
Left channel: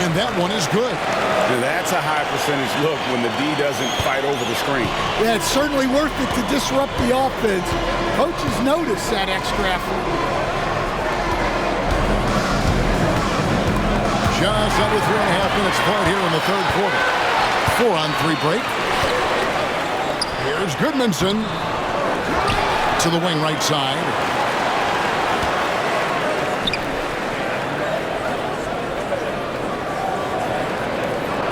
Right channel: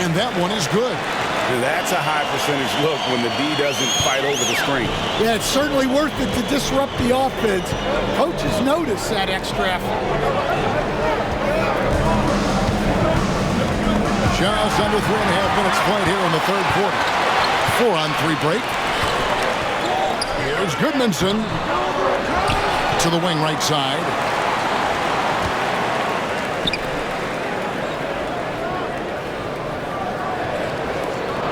And that one is good. That's a high percentage look when the D doesn't fight over the screen. Yeah, it's certainly worth it to disrupt the offense. Coaches notice that extra effort. Just under 3.5 minutes played here in the third quarter. 4-on-3 break. Here's Goodmanson to the wing right side.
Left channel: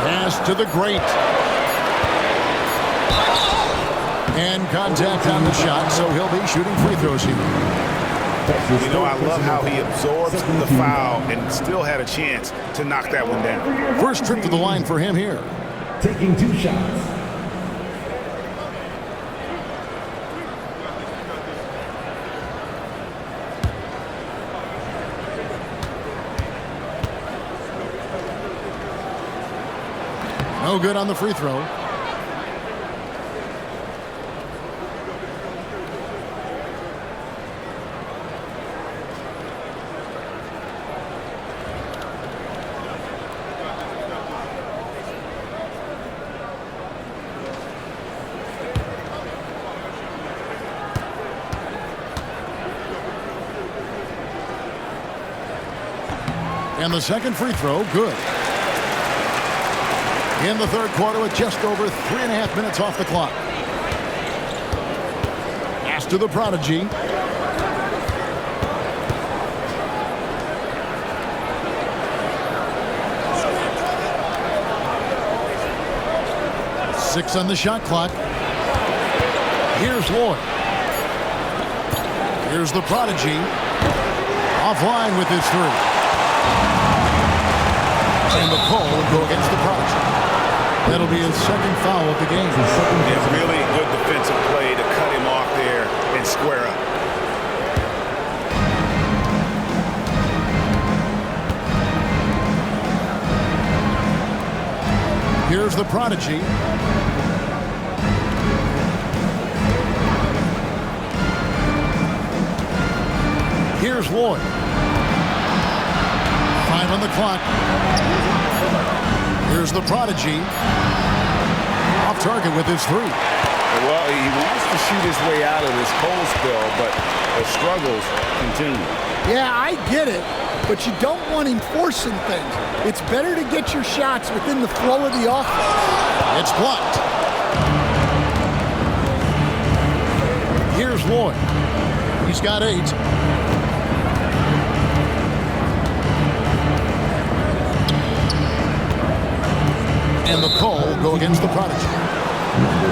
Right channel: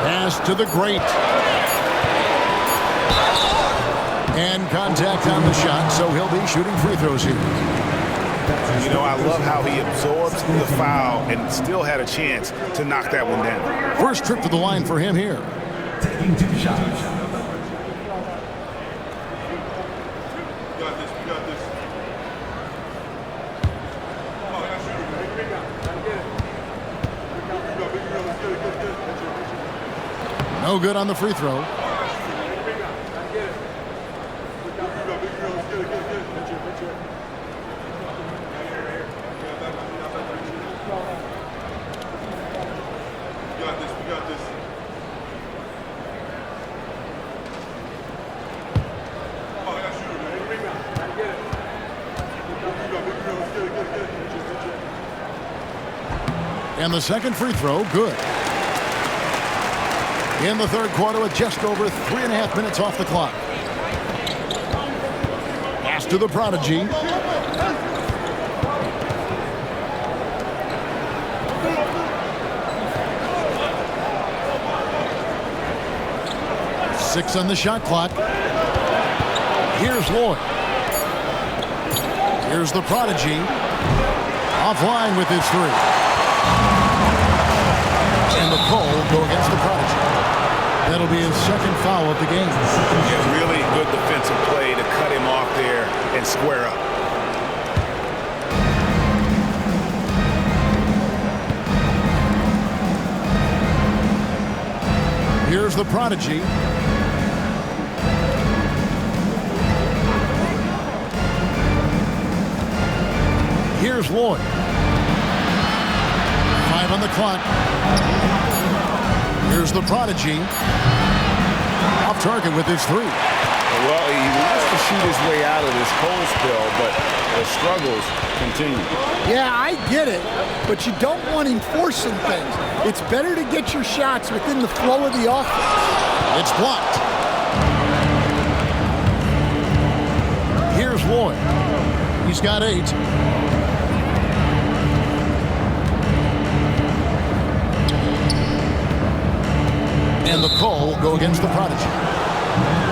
Pass to the great. And contact on the shot, so he'll be shooting free throws here. You know, I love how he absorbs the foul and still had a chance to knock that one down. First trip to the line for him here. Taking 2 shots. No good on the free throw. And the second free throw, good. In the third quarter with just over 3.5 minutes off the clock. Pass to the prodigy. Six on the shot clock. Here's Lloyd. Here's the prodigy. Offline with his three. And the call will go against the prodigy. That'll be his second foul of the game. Yeah, really good defensive play to cut him off there and square up. Here's the prodigy. Here's Lloyd. 5 on the clock. Here's the prodigy. Off target with his three. Well, he wants to shoot his way out of this cold spell, but the struggles continue. Yeah, I get it, but you don't want him forcing things. It's better to get your shots within the flow of the offense. It's blocked. Here's Lloyd. He's got 8. And the call will go against the prodigy.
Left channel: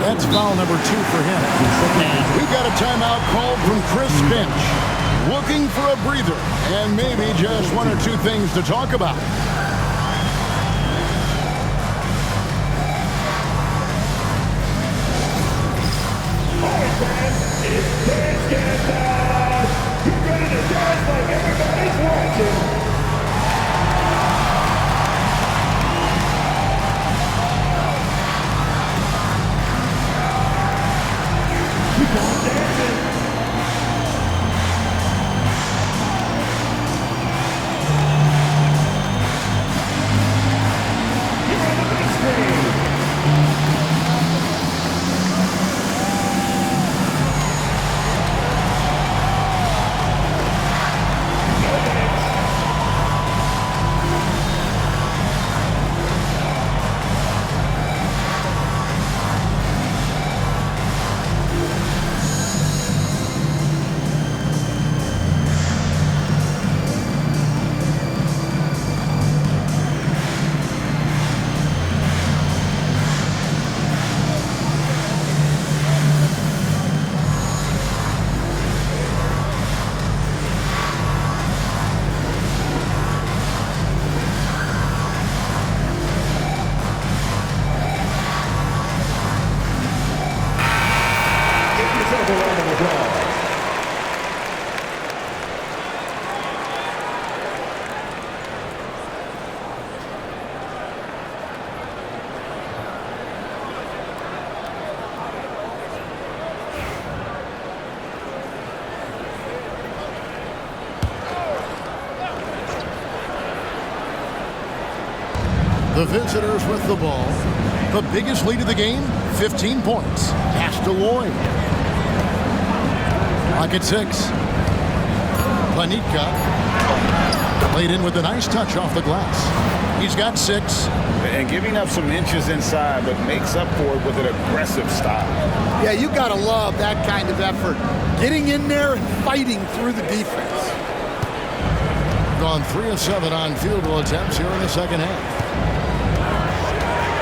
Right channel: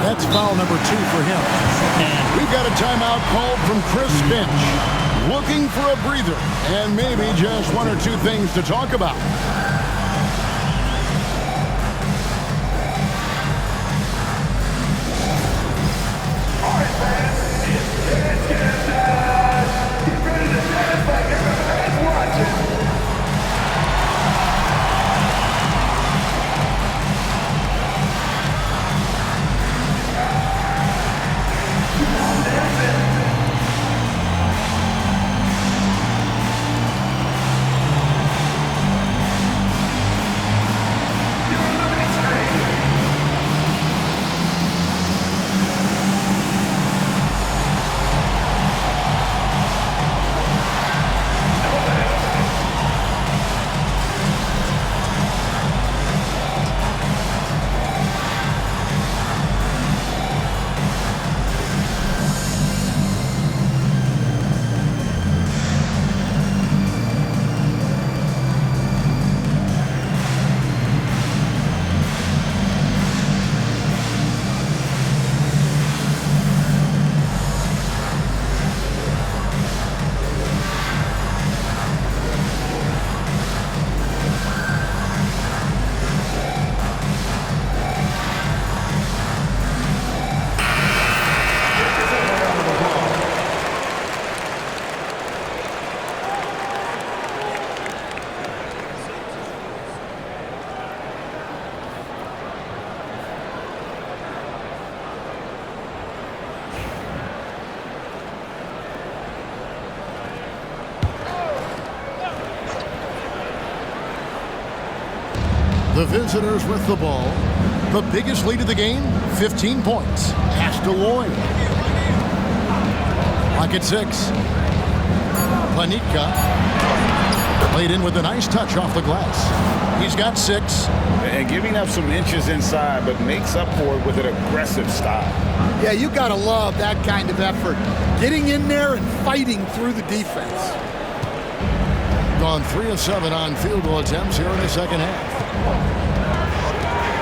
That's foul number 2 for him. And we've got a timeout called from Chris Finch. Looking for a breather and maybe just 1 or 2 things to talk about. The visitors with the ball. The biggest lead of the game, 15 points. Pass to Lloyd. Lock at 6. Planitka. Played in with a nice touch off the glass. He's got 6. And giving up some inches inside, but makes up for it with an aggressive style. Yeah, you got to love that kind of effort. Getting in there and fighting through the defense. Gone 3 of 7 on field goal attempts here in the second half.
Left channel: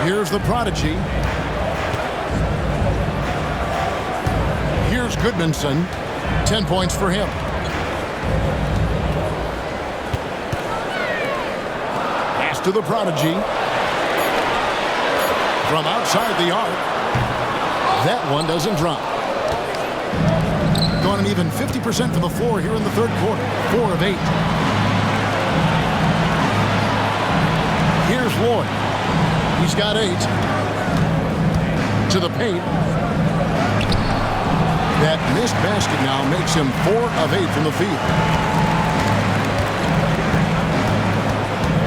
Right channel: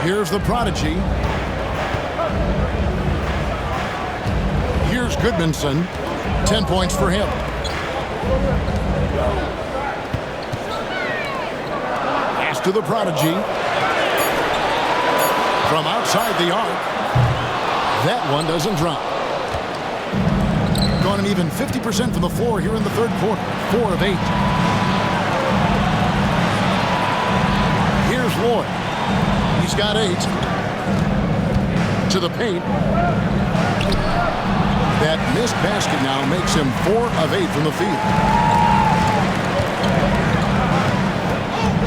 Here's the prodigy. Here's Goodmanson. 10 points for him. Pass to the prodigy. From outside the arc. That one doesn't drop. Gone an even 50% from the floor here in the third quarter. 4 of 8. Here's Lloyd. He's got 8. To the paint. That missed basket now makes him 4 of 8 from the field.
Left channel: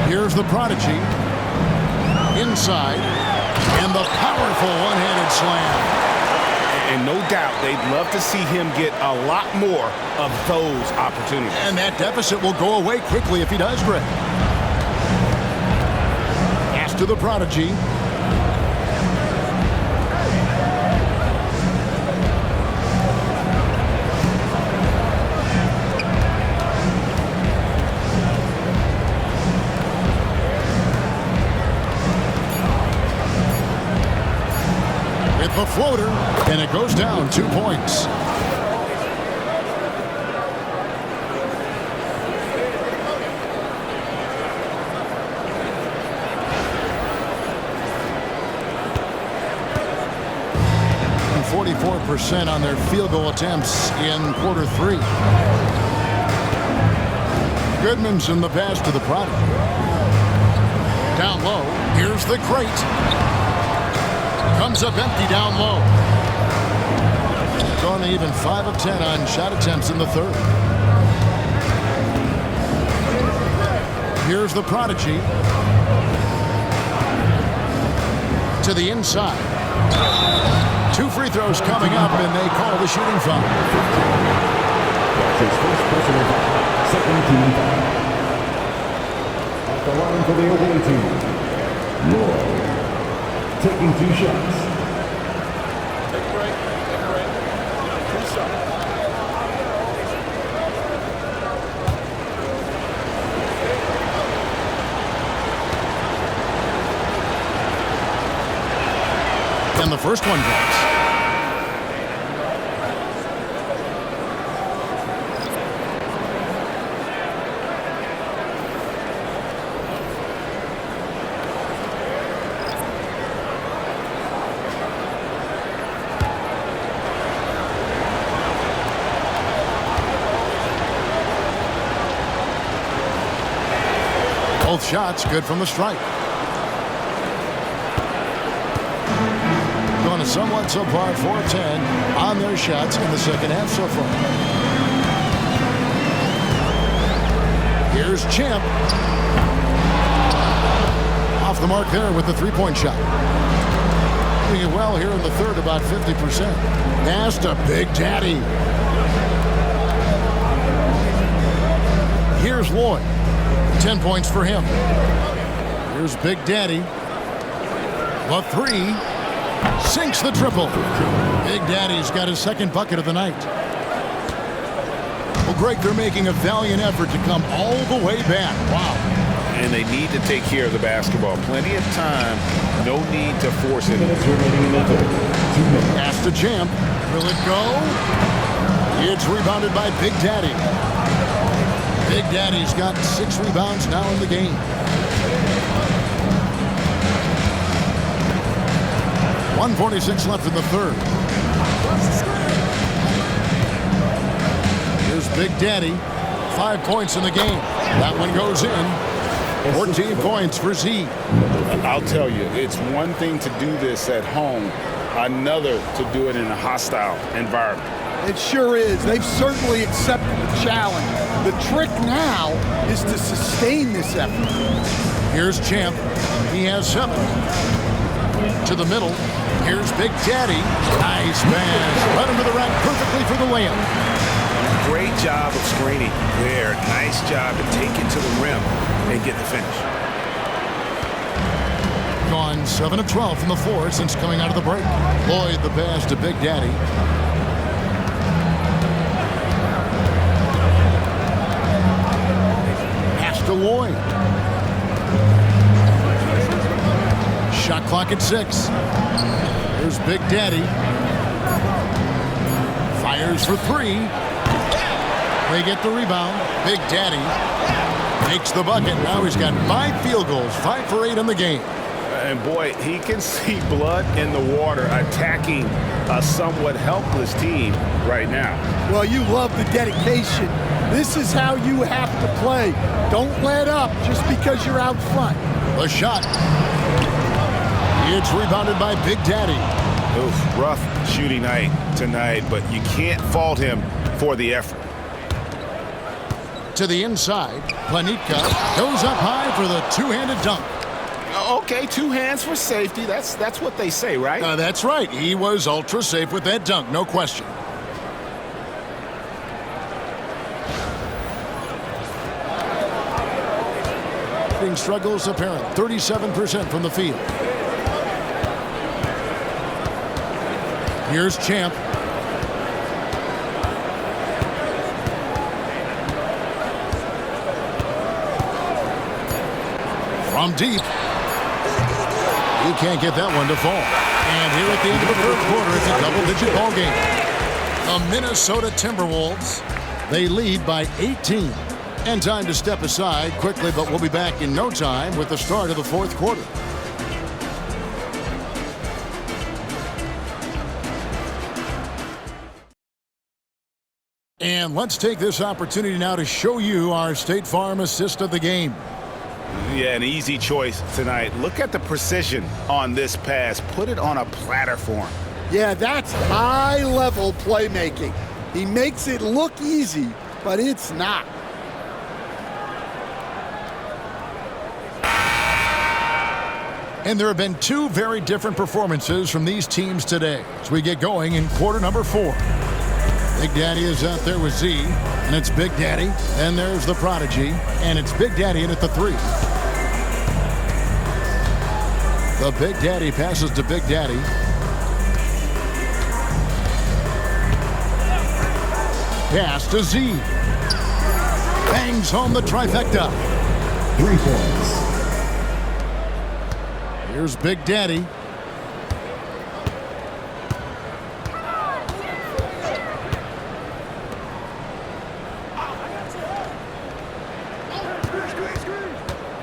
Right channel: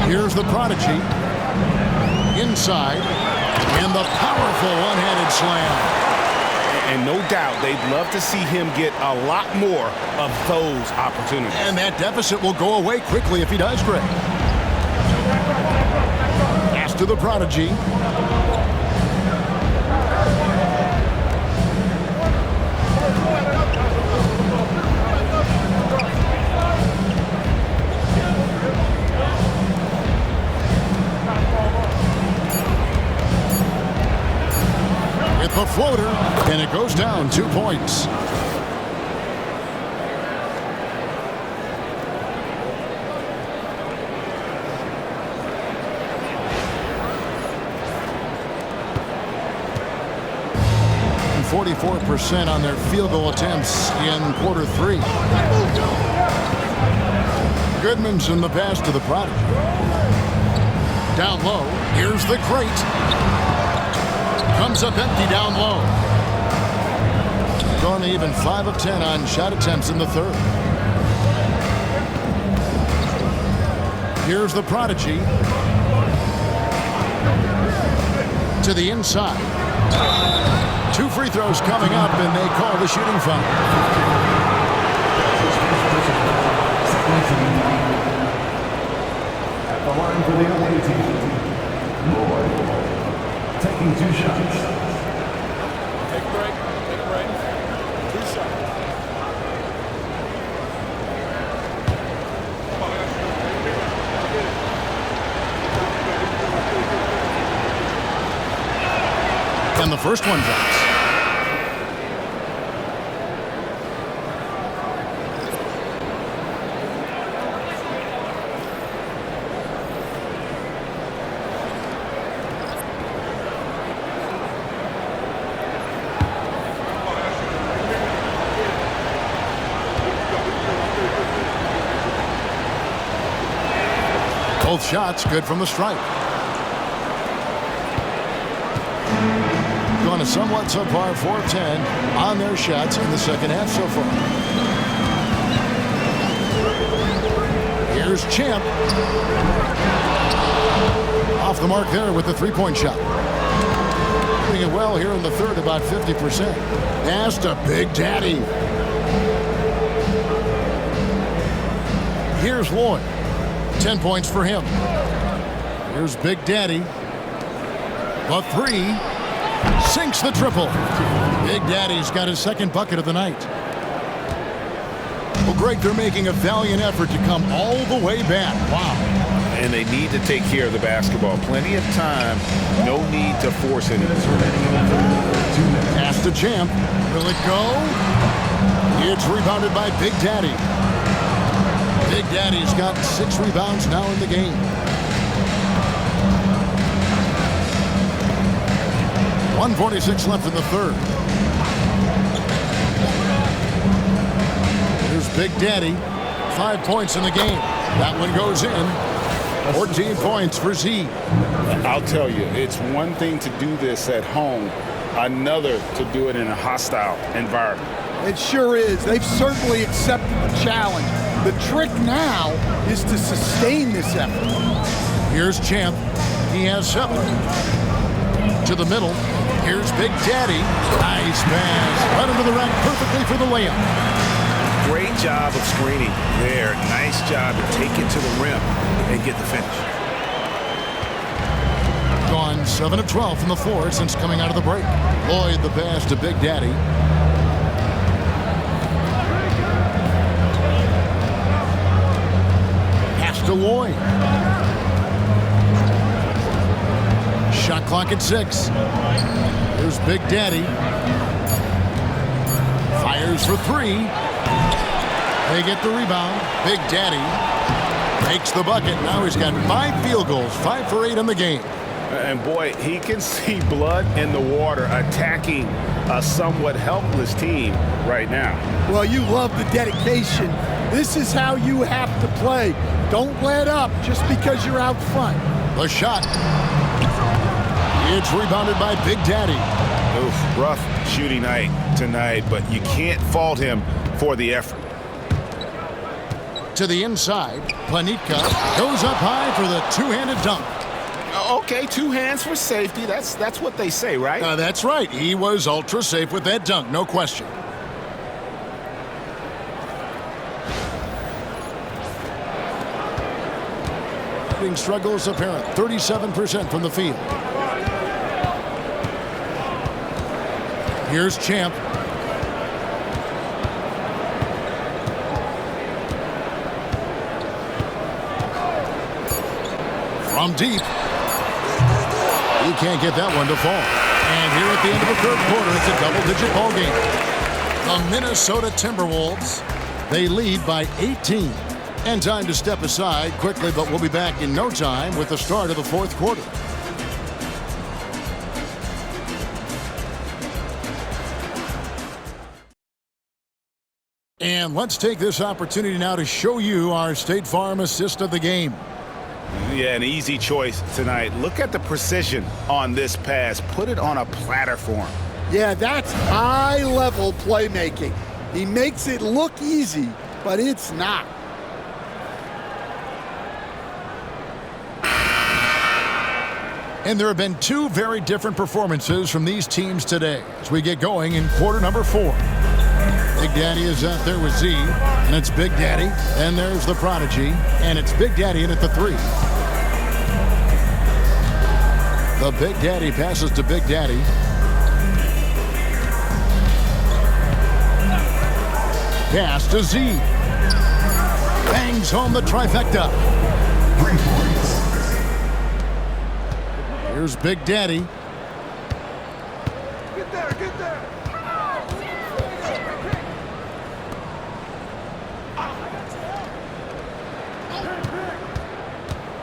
Here's the prodigy. Inside. And the powerful one-handed slam. And no doubt they'd love to see him get a lot more of those opportunities. And that deficit will go away quickly if he does, Greg. Pass to the prodigy. And it goes down 2 points. And 44% on their field goal attempts in quarter 3. Goodman's in the pass to the Prodigy. Down low, here's the great. Comes up empty down low. Going to even 5 of 10 on shot attempts in the third. Here's the Prodigy. To the inside. 2 free throws coming up, and they call the shooting foul. His first personal foul, second team foul. At the line for the away team, Lloyd, taking 2 shots. Take break. 2 shots. And the first one drops. Both shots good from the stripe. Going to somewhat subpar 4 of 10 on their shots in the second half so far. Here's Champ. Off the mark there with the 3-point shot. Doing it well here in the third, about 50%. Pass to Big Daddy. Here's Lloyd. 10 points for him. Here's Big Daddy. The 3. Sinks the triple. Big Daddy's got his second bucket of the night. Well, Greg, they're making a valiant effort to come all the way back. Wow. And they need to take care of the basketball. Plenty of time. No need to force it. Pass to Champ. Will it go? It's rebounded by Big Daddy. Big Daddy's got 6 rebounds now in the game. 1:46 left in the third. Here's Big Daddy. 5 points in the game. That one goes in. 14 points for Z. I'll tell you, it's one thing to do this at home, another to do it in a hostile environment. It sure is. They've certainly accepted the challenge. The trick now is to sustain this effort. Here's Champ. He has 7. To the middle. Here's Big Daddy. Nice pass. Led him to the rack perfectly for the layup. Great job of screening there. Nice job to take it to the rim and get the finish. Gone 7 of 12 from the floor since coming out of the break. Lloyd the pass to Big Daddy. Pass to Lloyd. Shot clock at 6. Here's Big Daddy. Fires for 3. They get the rebound. Big Daddy makes the bucket. Now he's got 5 field goals, 5 for 8 in the game. And boy, he can see blood in the water attacking a somewhat helpless team right now. Well, you love the dedication. This is how you have to play. Don't let up just because you're out front. The shot. It's rebounded by Big Daddy. Oof, rough shooting night tonight, but you can't fault him for the effort. To the inside, Planitka goes up high for the 2-handed dunk. Okay, 2 hands for safety. That's what they say, right? That's right. He was ultra safe with that dunk, no question. Shooting struggles apparent. 37% from the field. Here's Champ. From deep. He can't get that one to fall. And here at the end of the third quarter, it's a double-digit ball game. The Minnesota Timberwolves, they lead by 18. And time to step aside quickly, but we'll be back in no time with the start of the fourth quarter. And let's take this opportunity now to show you our State Farm assist of the game. Yeah, an easy choice tonight. Look at the precision on this pass. Put it on a platter form. Yeah, that's high-level playmaking. He makes it look easy, but it's not. And there have been two very different performances from these teams today as we get going in quarter number 4. Big Daddy is out there with Z, and it's Big Daddy. Then there's the Prodigy, and it's Big Daddy in at the 3. The Big Daddy passes to Big Daddy. Pass to Z. Bangs home the trifecta. 3 points. Here's Big Daddy.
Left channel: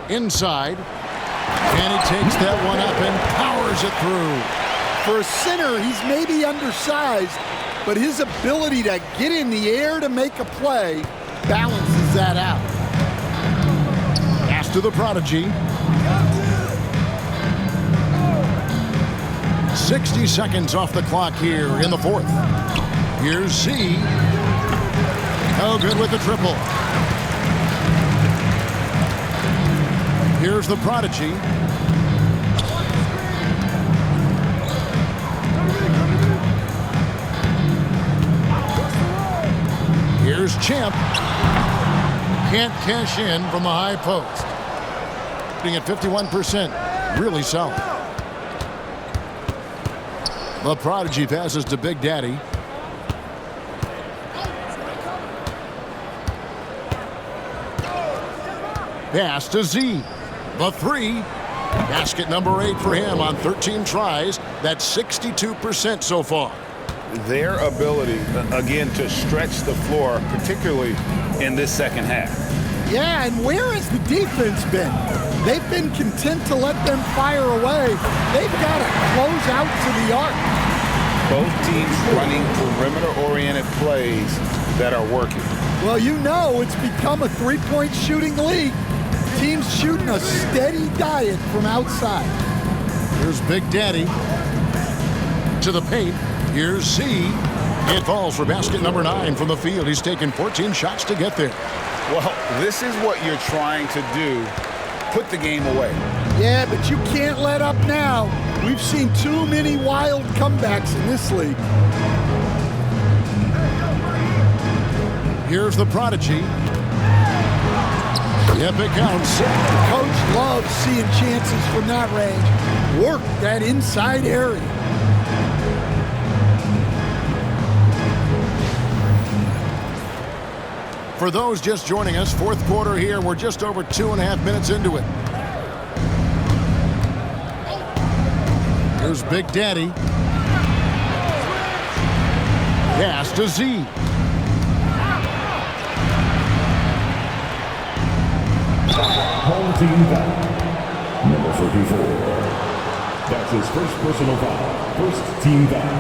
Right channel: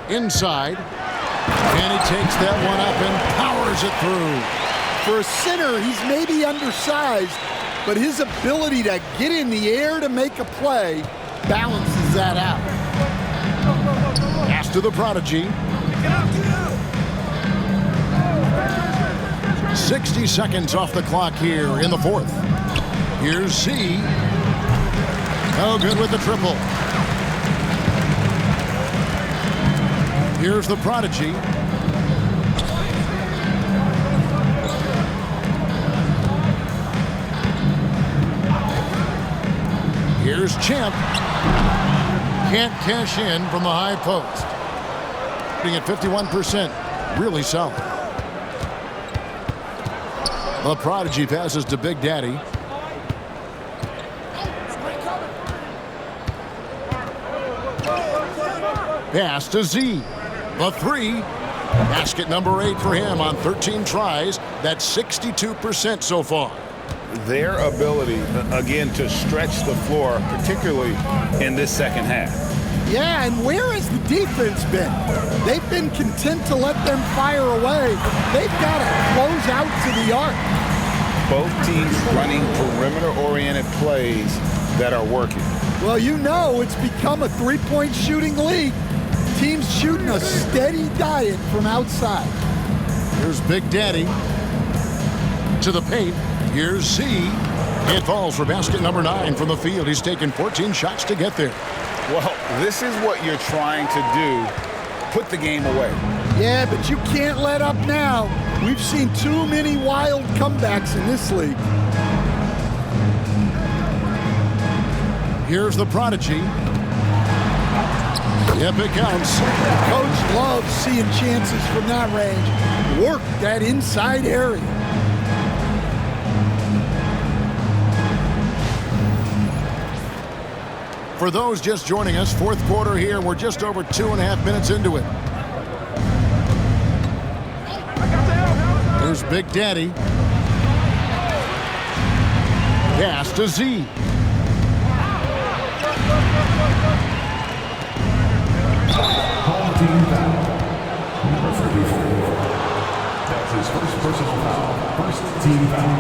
Inside, and he takes that one up and powers it through. For a center, he's maybe undersized, but his ability to get in the air to make a play balances that out. Pass to the Prodigy. 60 seconds off the clock here in the fourth. Here's Z. Oh, good with the triple. Here's the Prodigy. Here's Champ. Can't cash in from the high post. Shooting at 51%. Really solid. The Prodigy passes to Big Daddy. Pass to Z. The 3. Basket number 8 for him on 13 tries. That's 62% so far. Their ability, again, to stretch the floor, particularly in this second half. Yeah, and where has the defense been? They've been content to let them fire away. They've got to close out to the arc. Both teams running perimeter-oriented plays that are working. Well, you know it's become a three-point shooting league. Teams shooting a steady diet from outside. Here's Big Daddy. To the paint. Here's Z. It falls for basket number 9 from the field. He's taken 14 shots to get there. Well, this is what you're trying to do. Put the game away. Yeah, but you can't let up now. We've seen too many wild comebacks in this league. Here's the Prodigy. Yep, it counts. The coach loves seeing chances from that range. Work that inside area. For those just joining us, fourth quarter here. We're just over 2.5 minutes into it. Here's Big Daddy. Pass to Z. Home team foul. Number 34. That's his first personal foul. First team foul.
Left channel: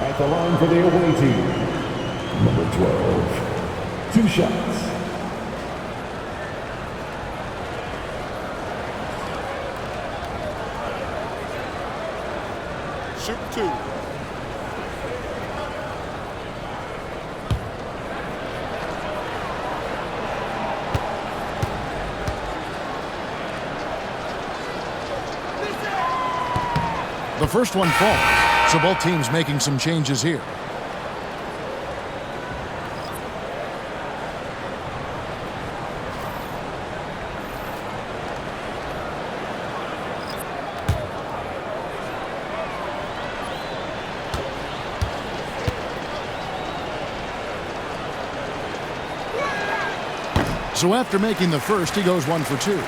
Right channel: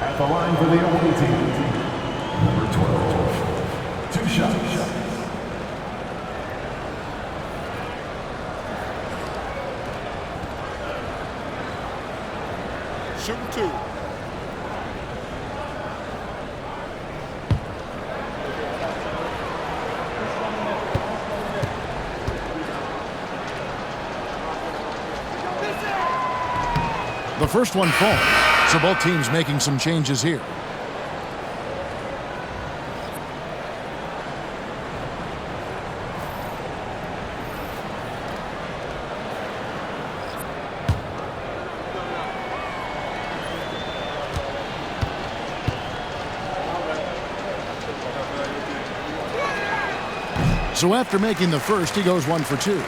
At the line for the away team. Number 12. 2 shots. Shooting 2. The first one falls, so both teams making some changes here. So after making the first, he goes 1 for 2.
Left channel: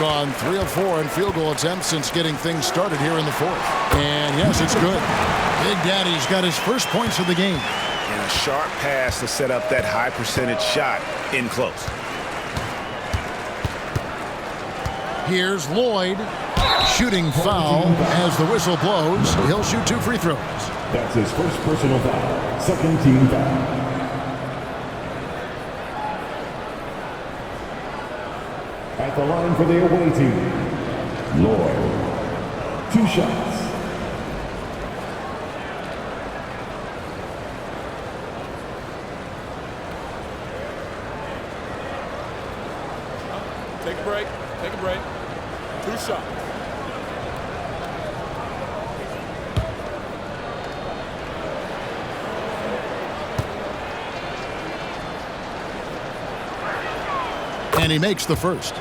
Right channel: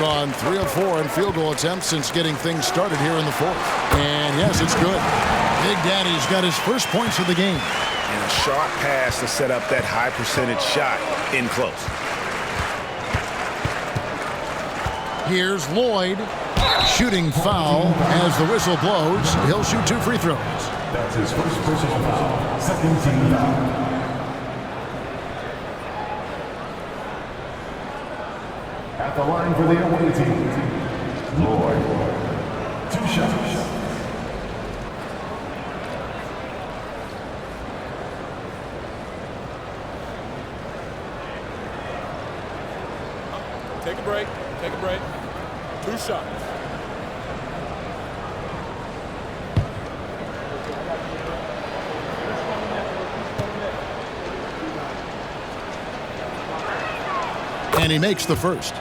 gone 3 of 4 in field goal attempts since getting things started here in the fourth. And yes, it's good. Big Daddy's got his first points of the game. And a sharp pass to set up that high percentage shot in close. Here's Lloyd. Shooting foul as the whistle blows. He'll shoot 2 free throws. That's his first personal foul. Second team foul. At the line for the away team, Lloyd. 2 shots. Take a break. Take a break. 2 shots. And he makes the first.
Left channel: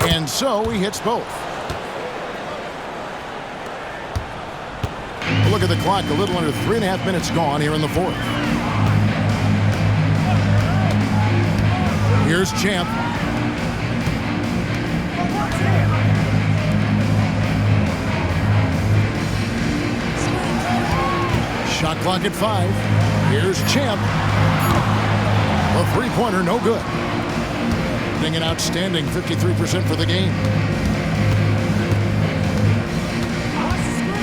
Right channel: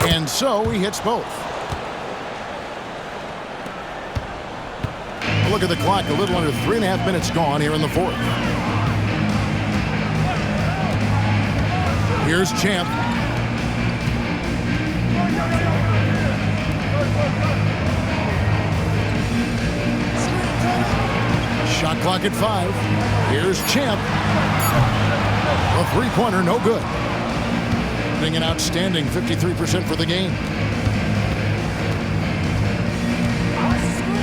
And so he hits both. Look at the clock, a little under 3.5 minutes gone here in the fourth. Here's Champ. Shot clock at 5. Here's Champ. The three-pointer, no good. Getting an outstanding 53% for the game.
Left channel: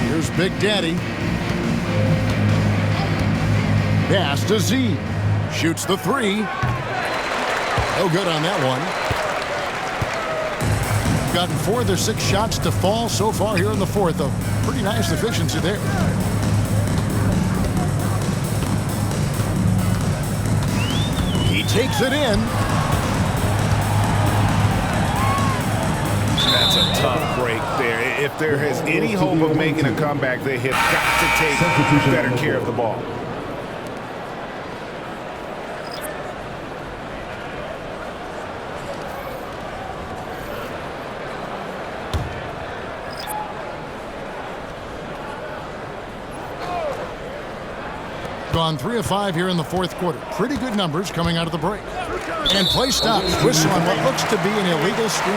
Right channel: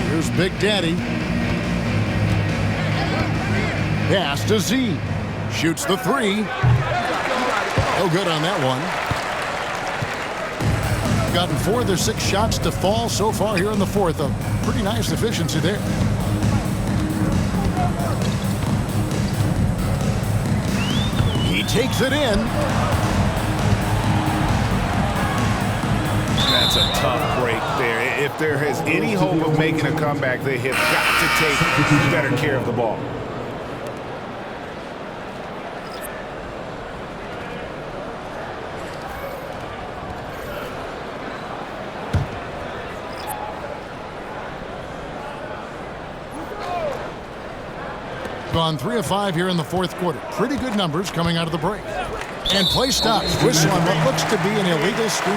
Here's Big Daddy. Pass to Z. Shoots the 3. No good on that one. Gotten 4 of their 6 shots to fall so far here in the fourth. A pretty nice efficiency there. He takes it in. That's a tough break there. If there is any hope of making a comeback, they have got to take better care of the ball. Gone 3 of 5 here in the fourth quarter. Pretty good numbers coming out of the break. And play stops. Whistle on what looks to be an illegal screen.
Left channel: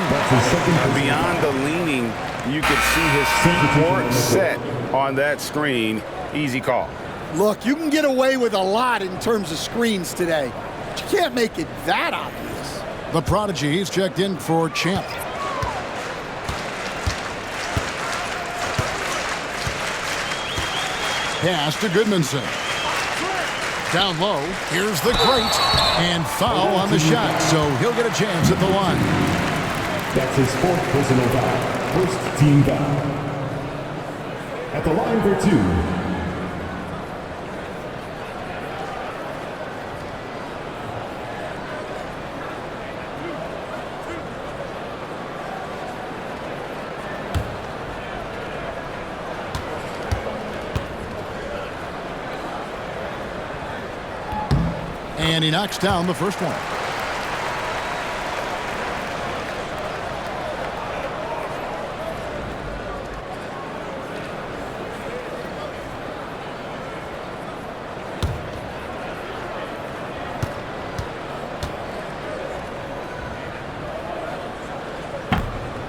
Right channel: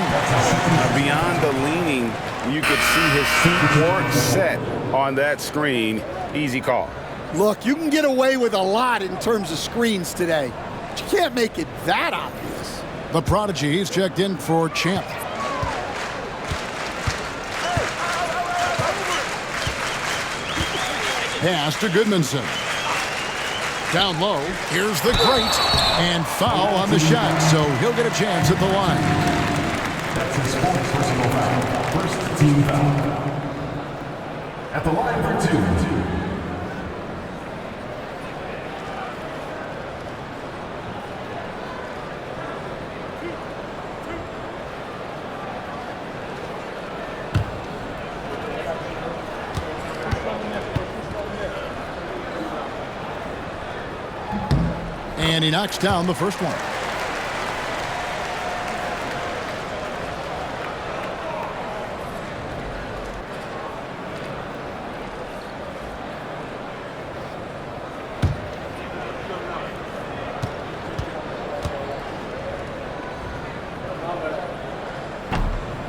Beyond the leaning, you could see his feet weren't set on that screen. Easy call. Look, you can get away with a lot in terms of screens today, but you can't make it that obvious. The prodigy, he's checked in for Champ. Pass to Goodmanson. Down low, here's the great, and foul on the shot, so he'll get a chance at the line. That's his 4th personal foul. First team foul. At the line for 2. And he knocks down the first one.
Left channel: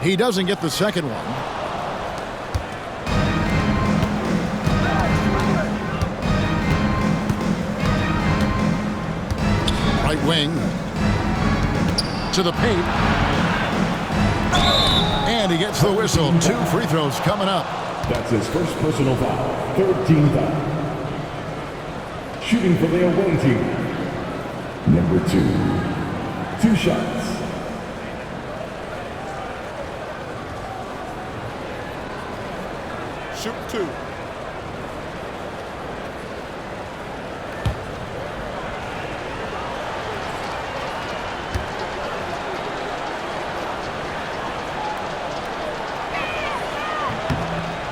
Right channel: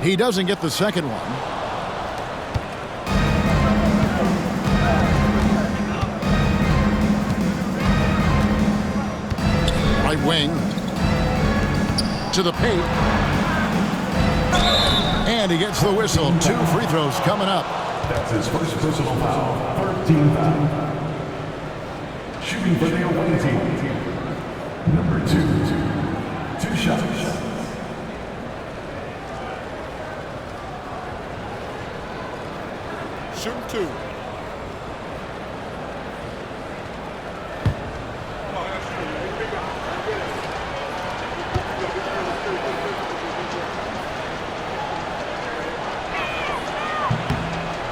He doesn't get the second one. Right wing to the paint. And he gets the whistle. 2 free throws coming up. That's his first personal foul. 3rd team foul. Shooting for the away team. Number 2. 2 shots. Shooting 2.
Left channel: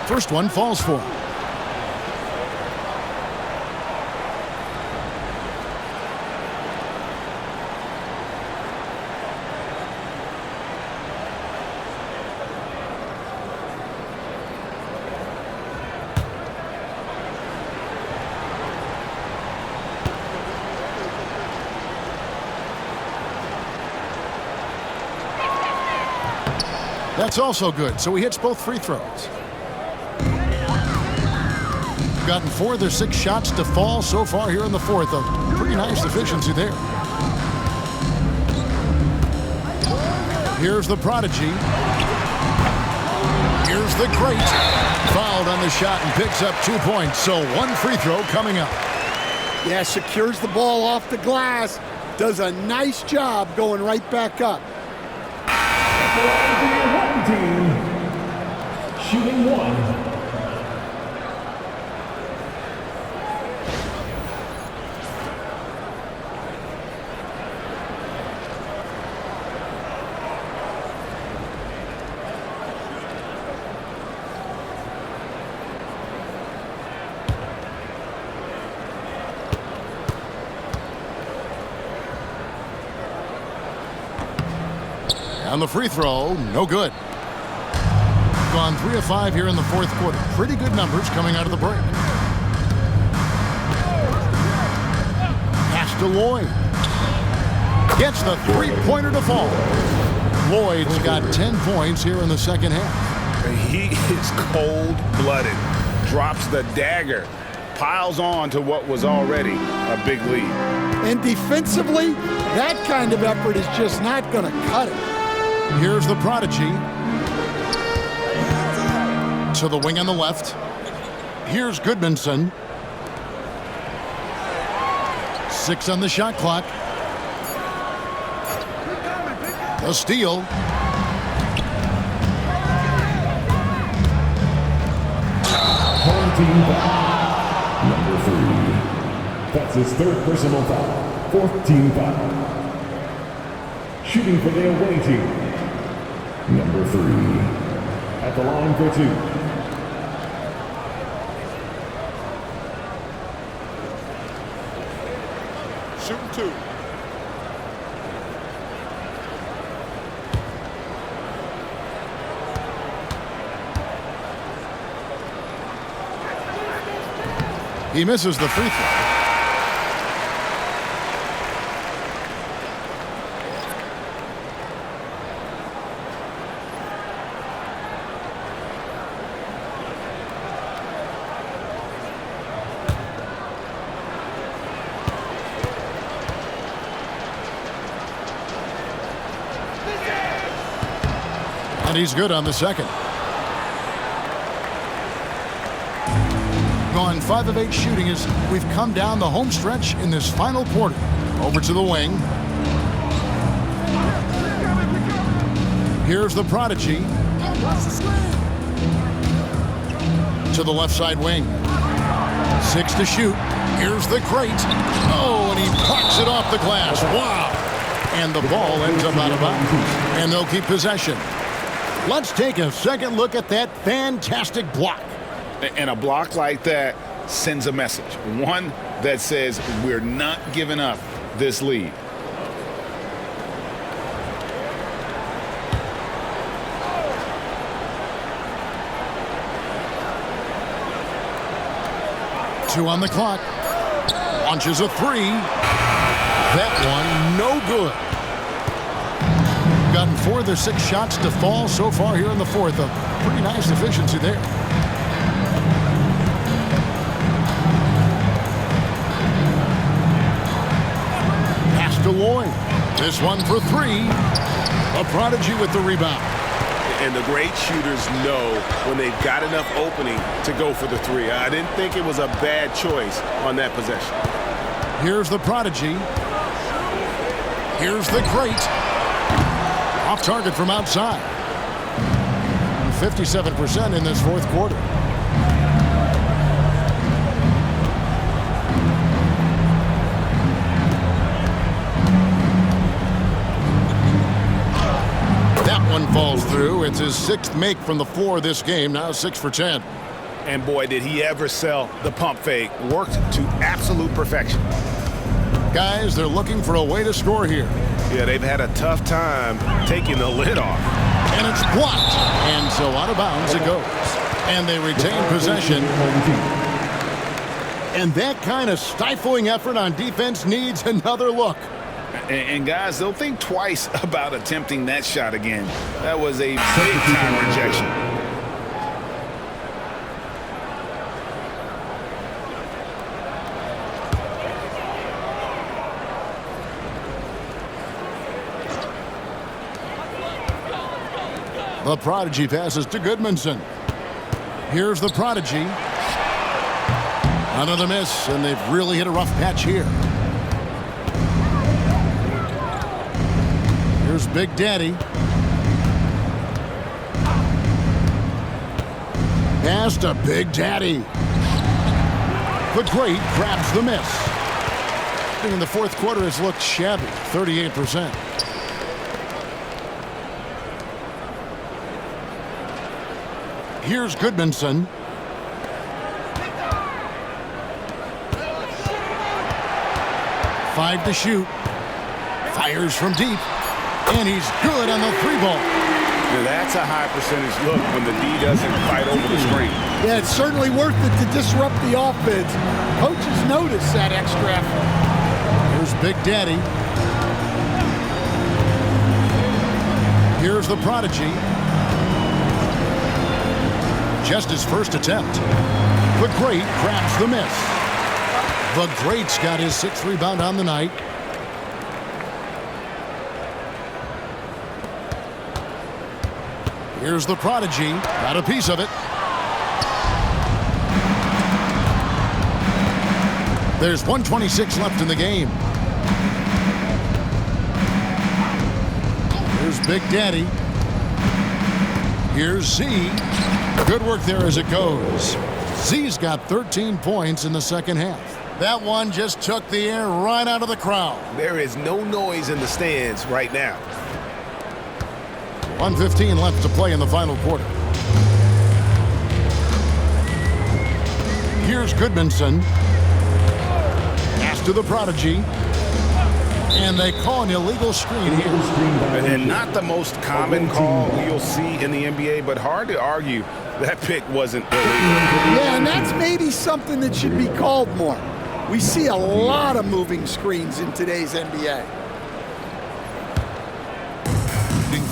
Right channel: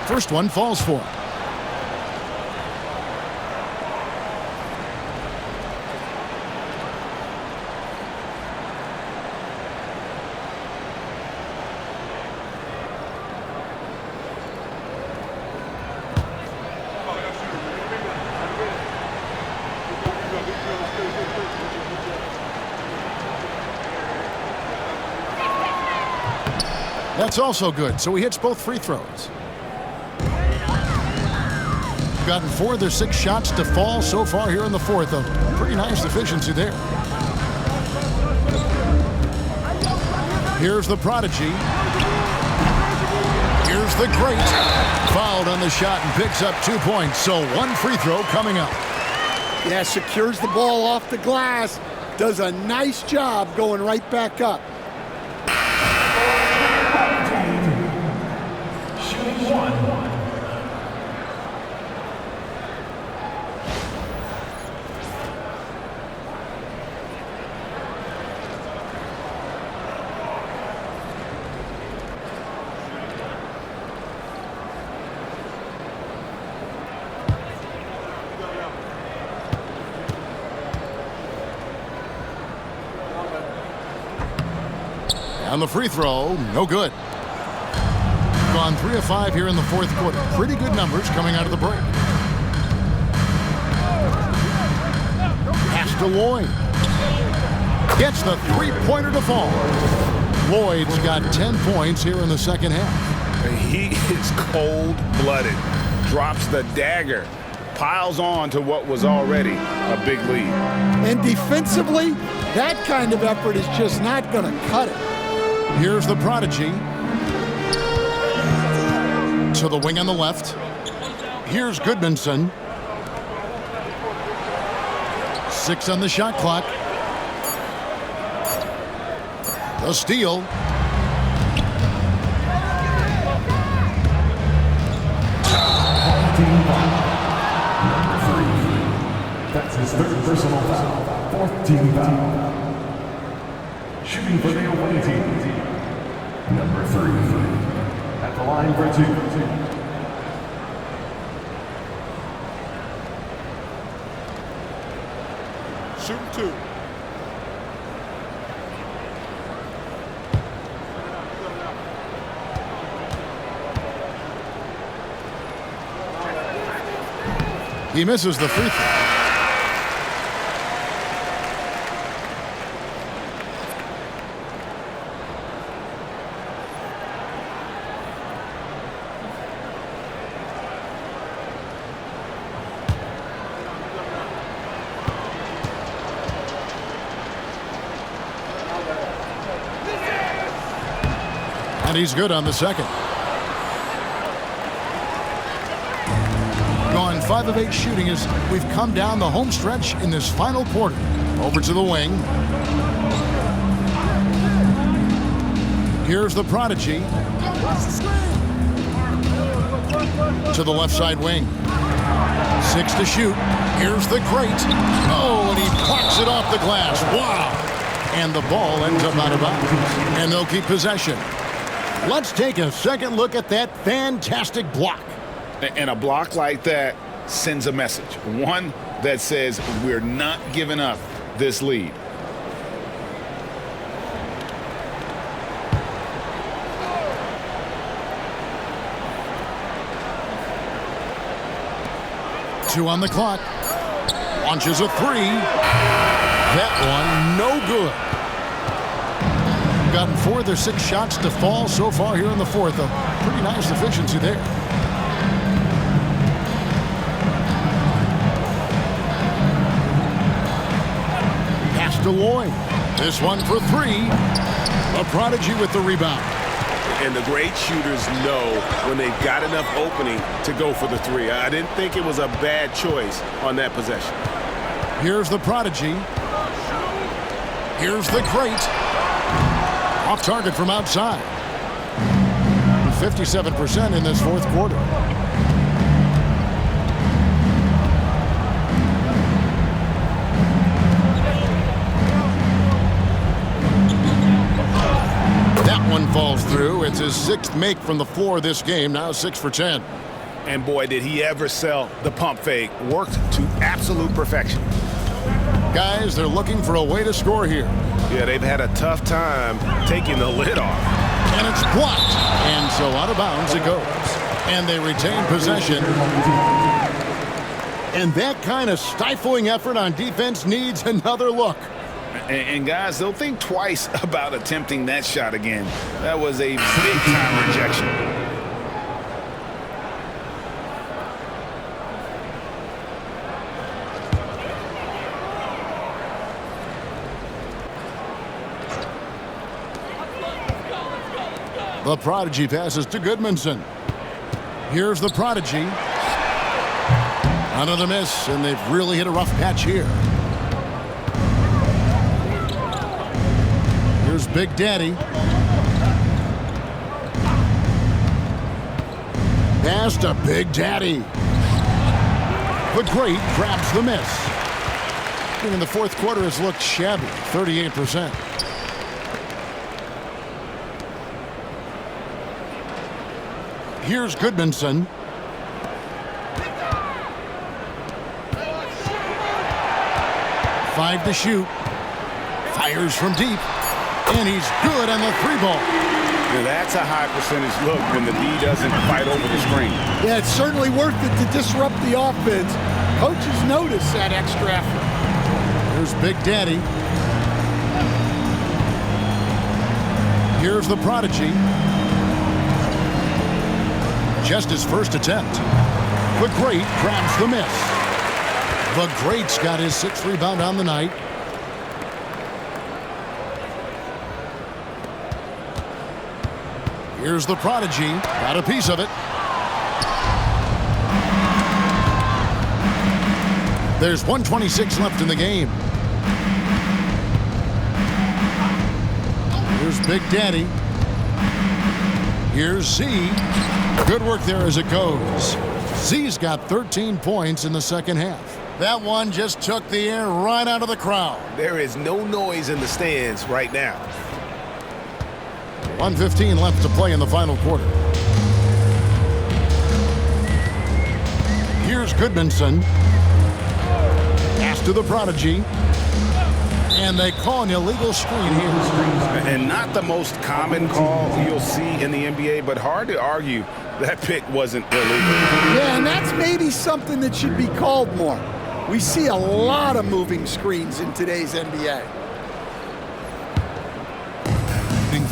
First one falls for him. That's also good, so he hits both free throws. Gotten 4 of their 6 shots to fall so far here in the fourth. A pretty nice efficiency there. Here's the prodigy. Here's the great. Fouled on the shot and picks up 2 points, so 1 free throw coming up. Yeah, secures the ball off the glass. Does a nice job going right back up. Team shooting 1. On the free throw, no good. Gone 3 of 5 here in the fourth quarter. Pretty good numbers coming out of the break. Pass to Lloyd. Gets the three-pointer to fall. Lloyd's got 10 points here in the second half. He is cold-blooded. Drops the dagger. Piles on to what was already a big lead. And defensively, that kind of effort is just not going to cut it. Here's the prodigy. To the wing on the left. Here's Goodmanson. 6 on the shot clock. The steal. Home team foul. Number 3. That's his 3rd personal foul. 4th team foul. Shooting for the away team. Number 3. At the line for 2. Shooting 2. He misses the free throw. And he's good on the second. Gone 5 of 8 shooting as we've come down the home stretch in this final quarter. Over to the wing. Here's the prodigy. To the left side wing. 6 to shoot. Here's the great. Oh, and he plucks it off the glass. Wow. And the ball ends up out of bounds. And they'll keep possession. Let's take a second look at that fantastic block. And a block like that sends a message. One that says we're not giving up this lead. Two on the clock. Launches a 3. That one no good. Gotten 4 of their 6 shots to fall so far here in the fourth. A pretty nice efficiency there. Pass to Lloyd. This one for 3. A prodigy with the rebound. And the great shooters know when they've got enough opening to go for the 3. I didn't think it was a bad choice on that possession. Here's the prodigy. Here's the great. Off target from outside. 57% in this fourth quarter. That one falls through. It's his 6th make from the floor this game. Now 6 for 10. And boy, did he ever sell the pump fake. Worked to absolute perfection. Guys, they're looking for a way to score here. Yeah, they've had a tough time taking the lid off. And it's blocked. And so out of bounds it goes. And they retain possession. And that kind of stifling effort on defense needs another look. And guys, they'll think twice about attempting that shot again. That was a big-time rejection. The Prodigy passes to Goodmanson. Here's the Prodigy. Another miss, and they've really hit a rough patch here. Here's Big Daddy. Pass to Big Daddy. The Great grabs the miss. In the fourth quarter has looked shabby, 38%. Here's Goodmanson. Five to shoot. Fires from deep. And he's good on the three ball. Now that's a high percentage look when the D doesn't fight over the screen. Yeah, it's certainly worth it to disrupt the offense. Coaches notice that extra effort. Here's Big Daddy. Here's the Prodigy. Just his first attempt. The Great grabs the miss. The Great's got his sixth rebound on the night. Here's the Prodigy. Got a piece of it. There's 1:26 left in the game. Here's Big Daddy. Here's Z. Good work there as it goes. Z's got 13 points in the second half. That one just took the air right out of the crowd. There is no noise in the stands right now. 1:15 left to play in the final quarter. Here's Goodmanson. Pass to the Prodigy. And they call an illegal screen here. And not the most common call you'll see in the NBA, but hard to argue that pick wasn't illegal. Yeah, and that's maybe something that should be called more. We see a lot of moving screens in today's NBA.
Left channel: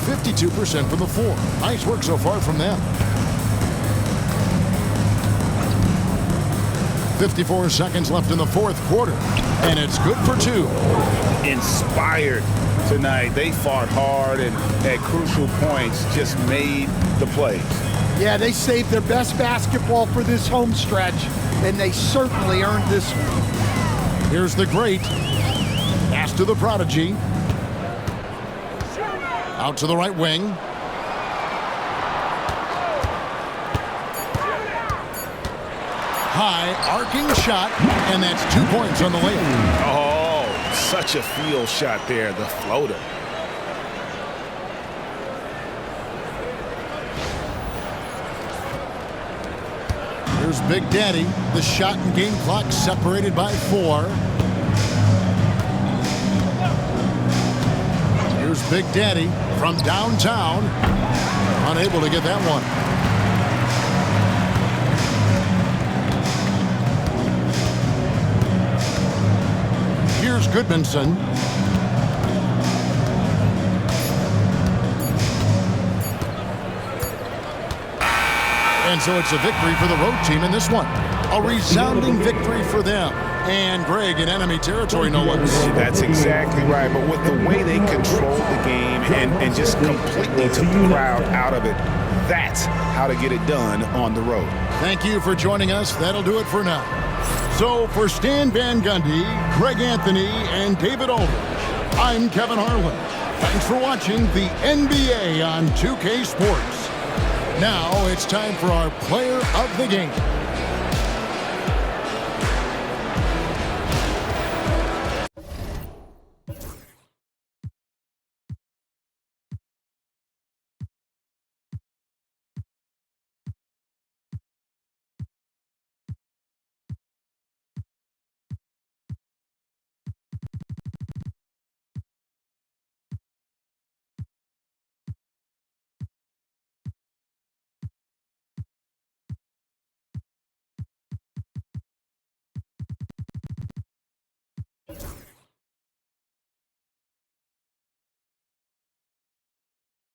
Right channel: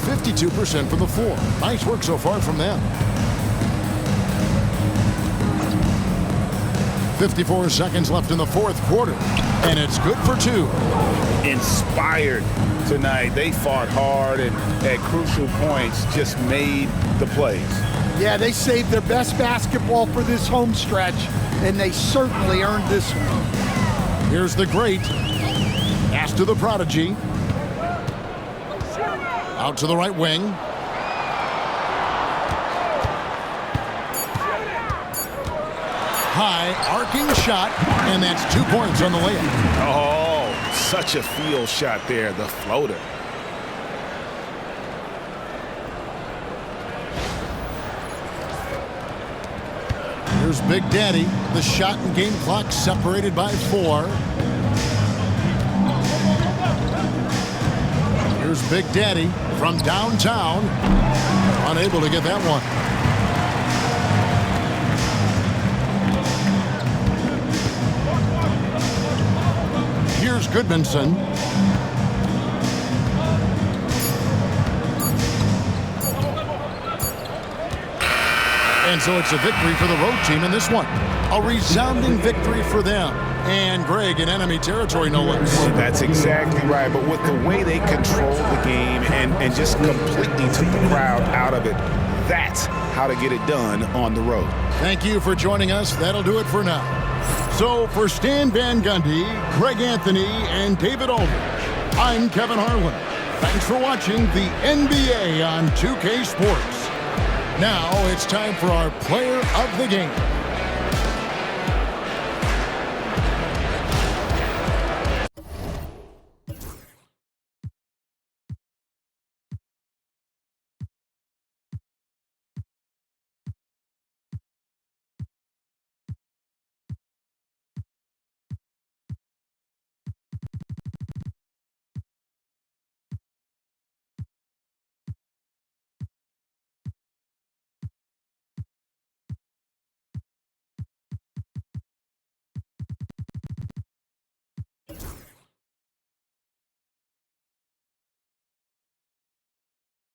52% from the floor. Nice work so far from them. 54 seconds left in the fourth quarter. And it's good for two. Inspired tonight. They fought hard and at crucial points just made the plays. Yeah, they saved their best basketball for this home stretch, and they certainly earned this one. Here's the Great. Pass to the Prodigy. Out to the right wing. High arcing shot, and that's 2 points on the layup. Oh, such a field shot there, the floater. Here's Big Daddy. The shot and game clock separated by 4. Here's Big Daddy from downtown. Unable to get that one. Here's Goodmanson. And so it's a victory for the road team in this one. A resounding victory for them. And Greg in enemy territory, no less. That's exactly right. But with the way they controlled the game and just completely took the crowd out of it, that's how to get it done on the road. Thank you for joining us. That'll do it for now. So for Stan Van Gundy, Greg Anthony, and David Aldridge, I'm Kevin Harlan. Thanks for watching the NBA on 2K Sports. Now it's time for our player of the game.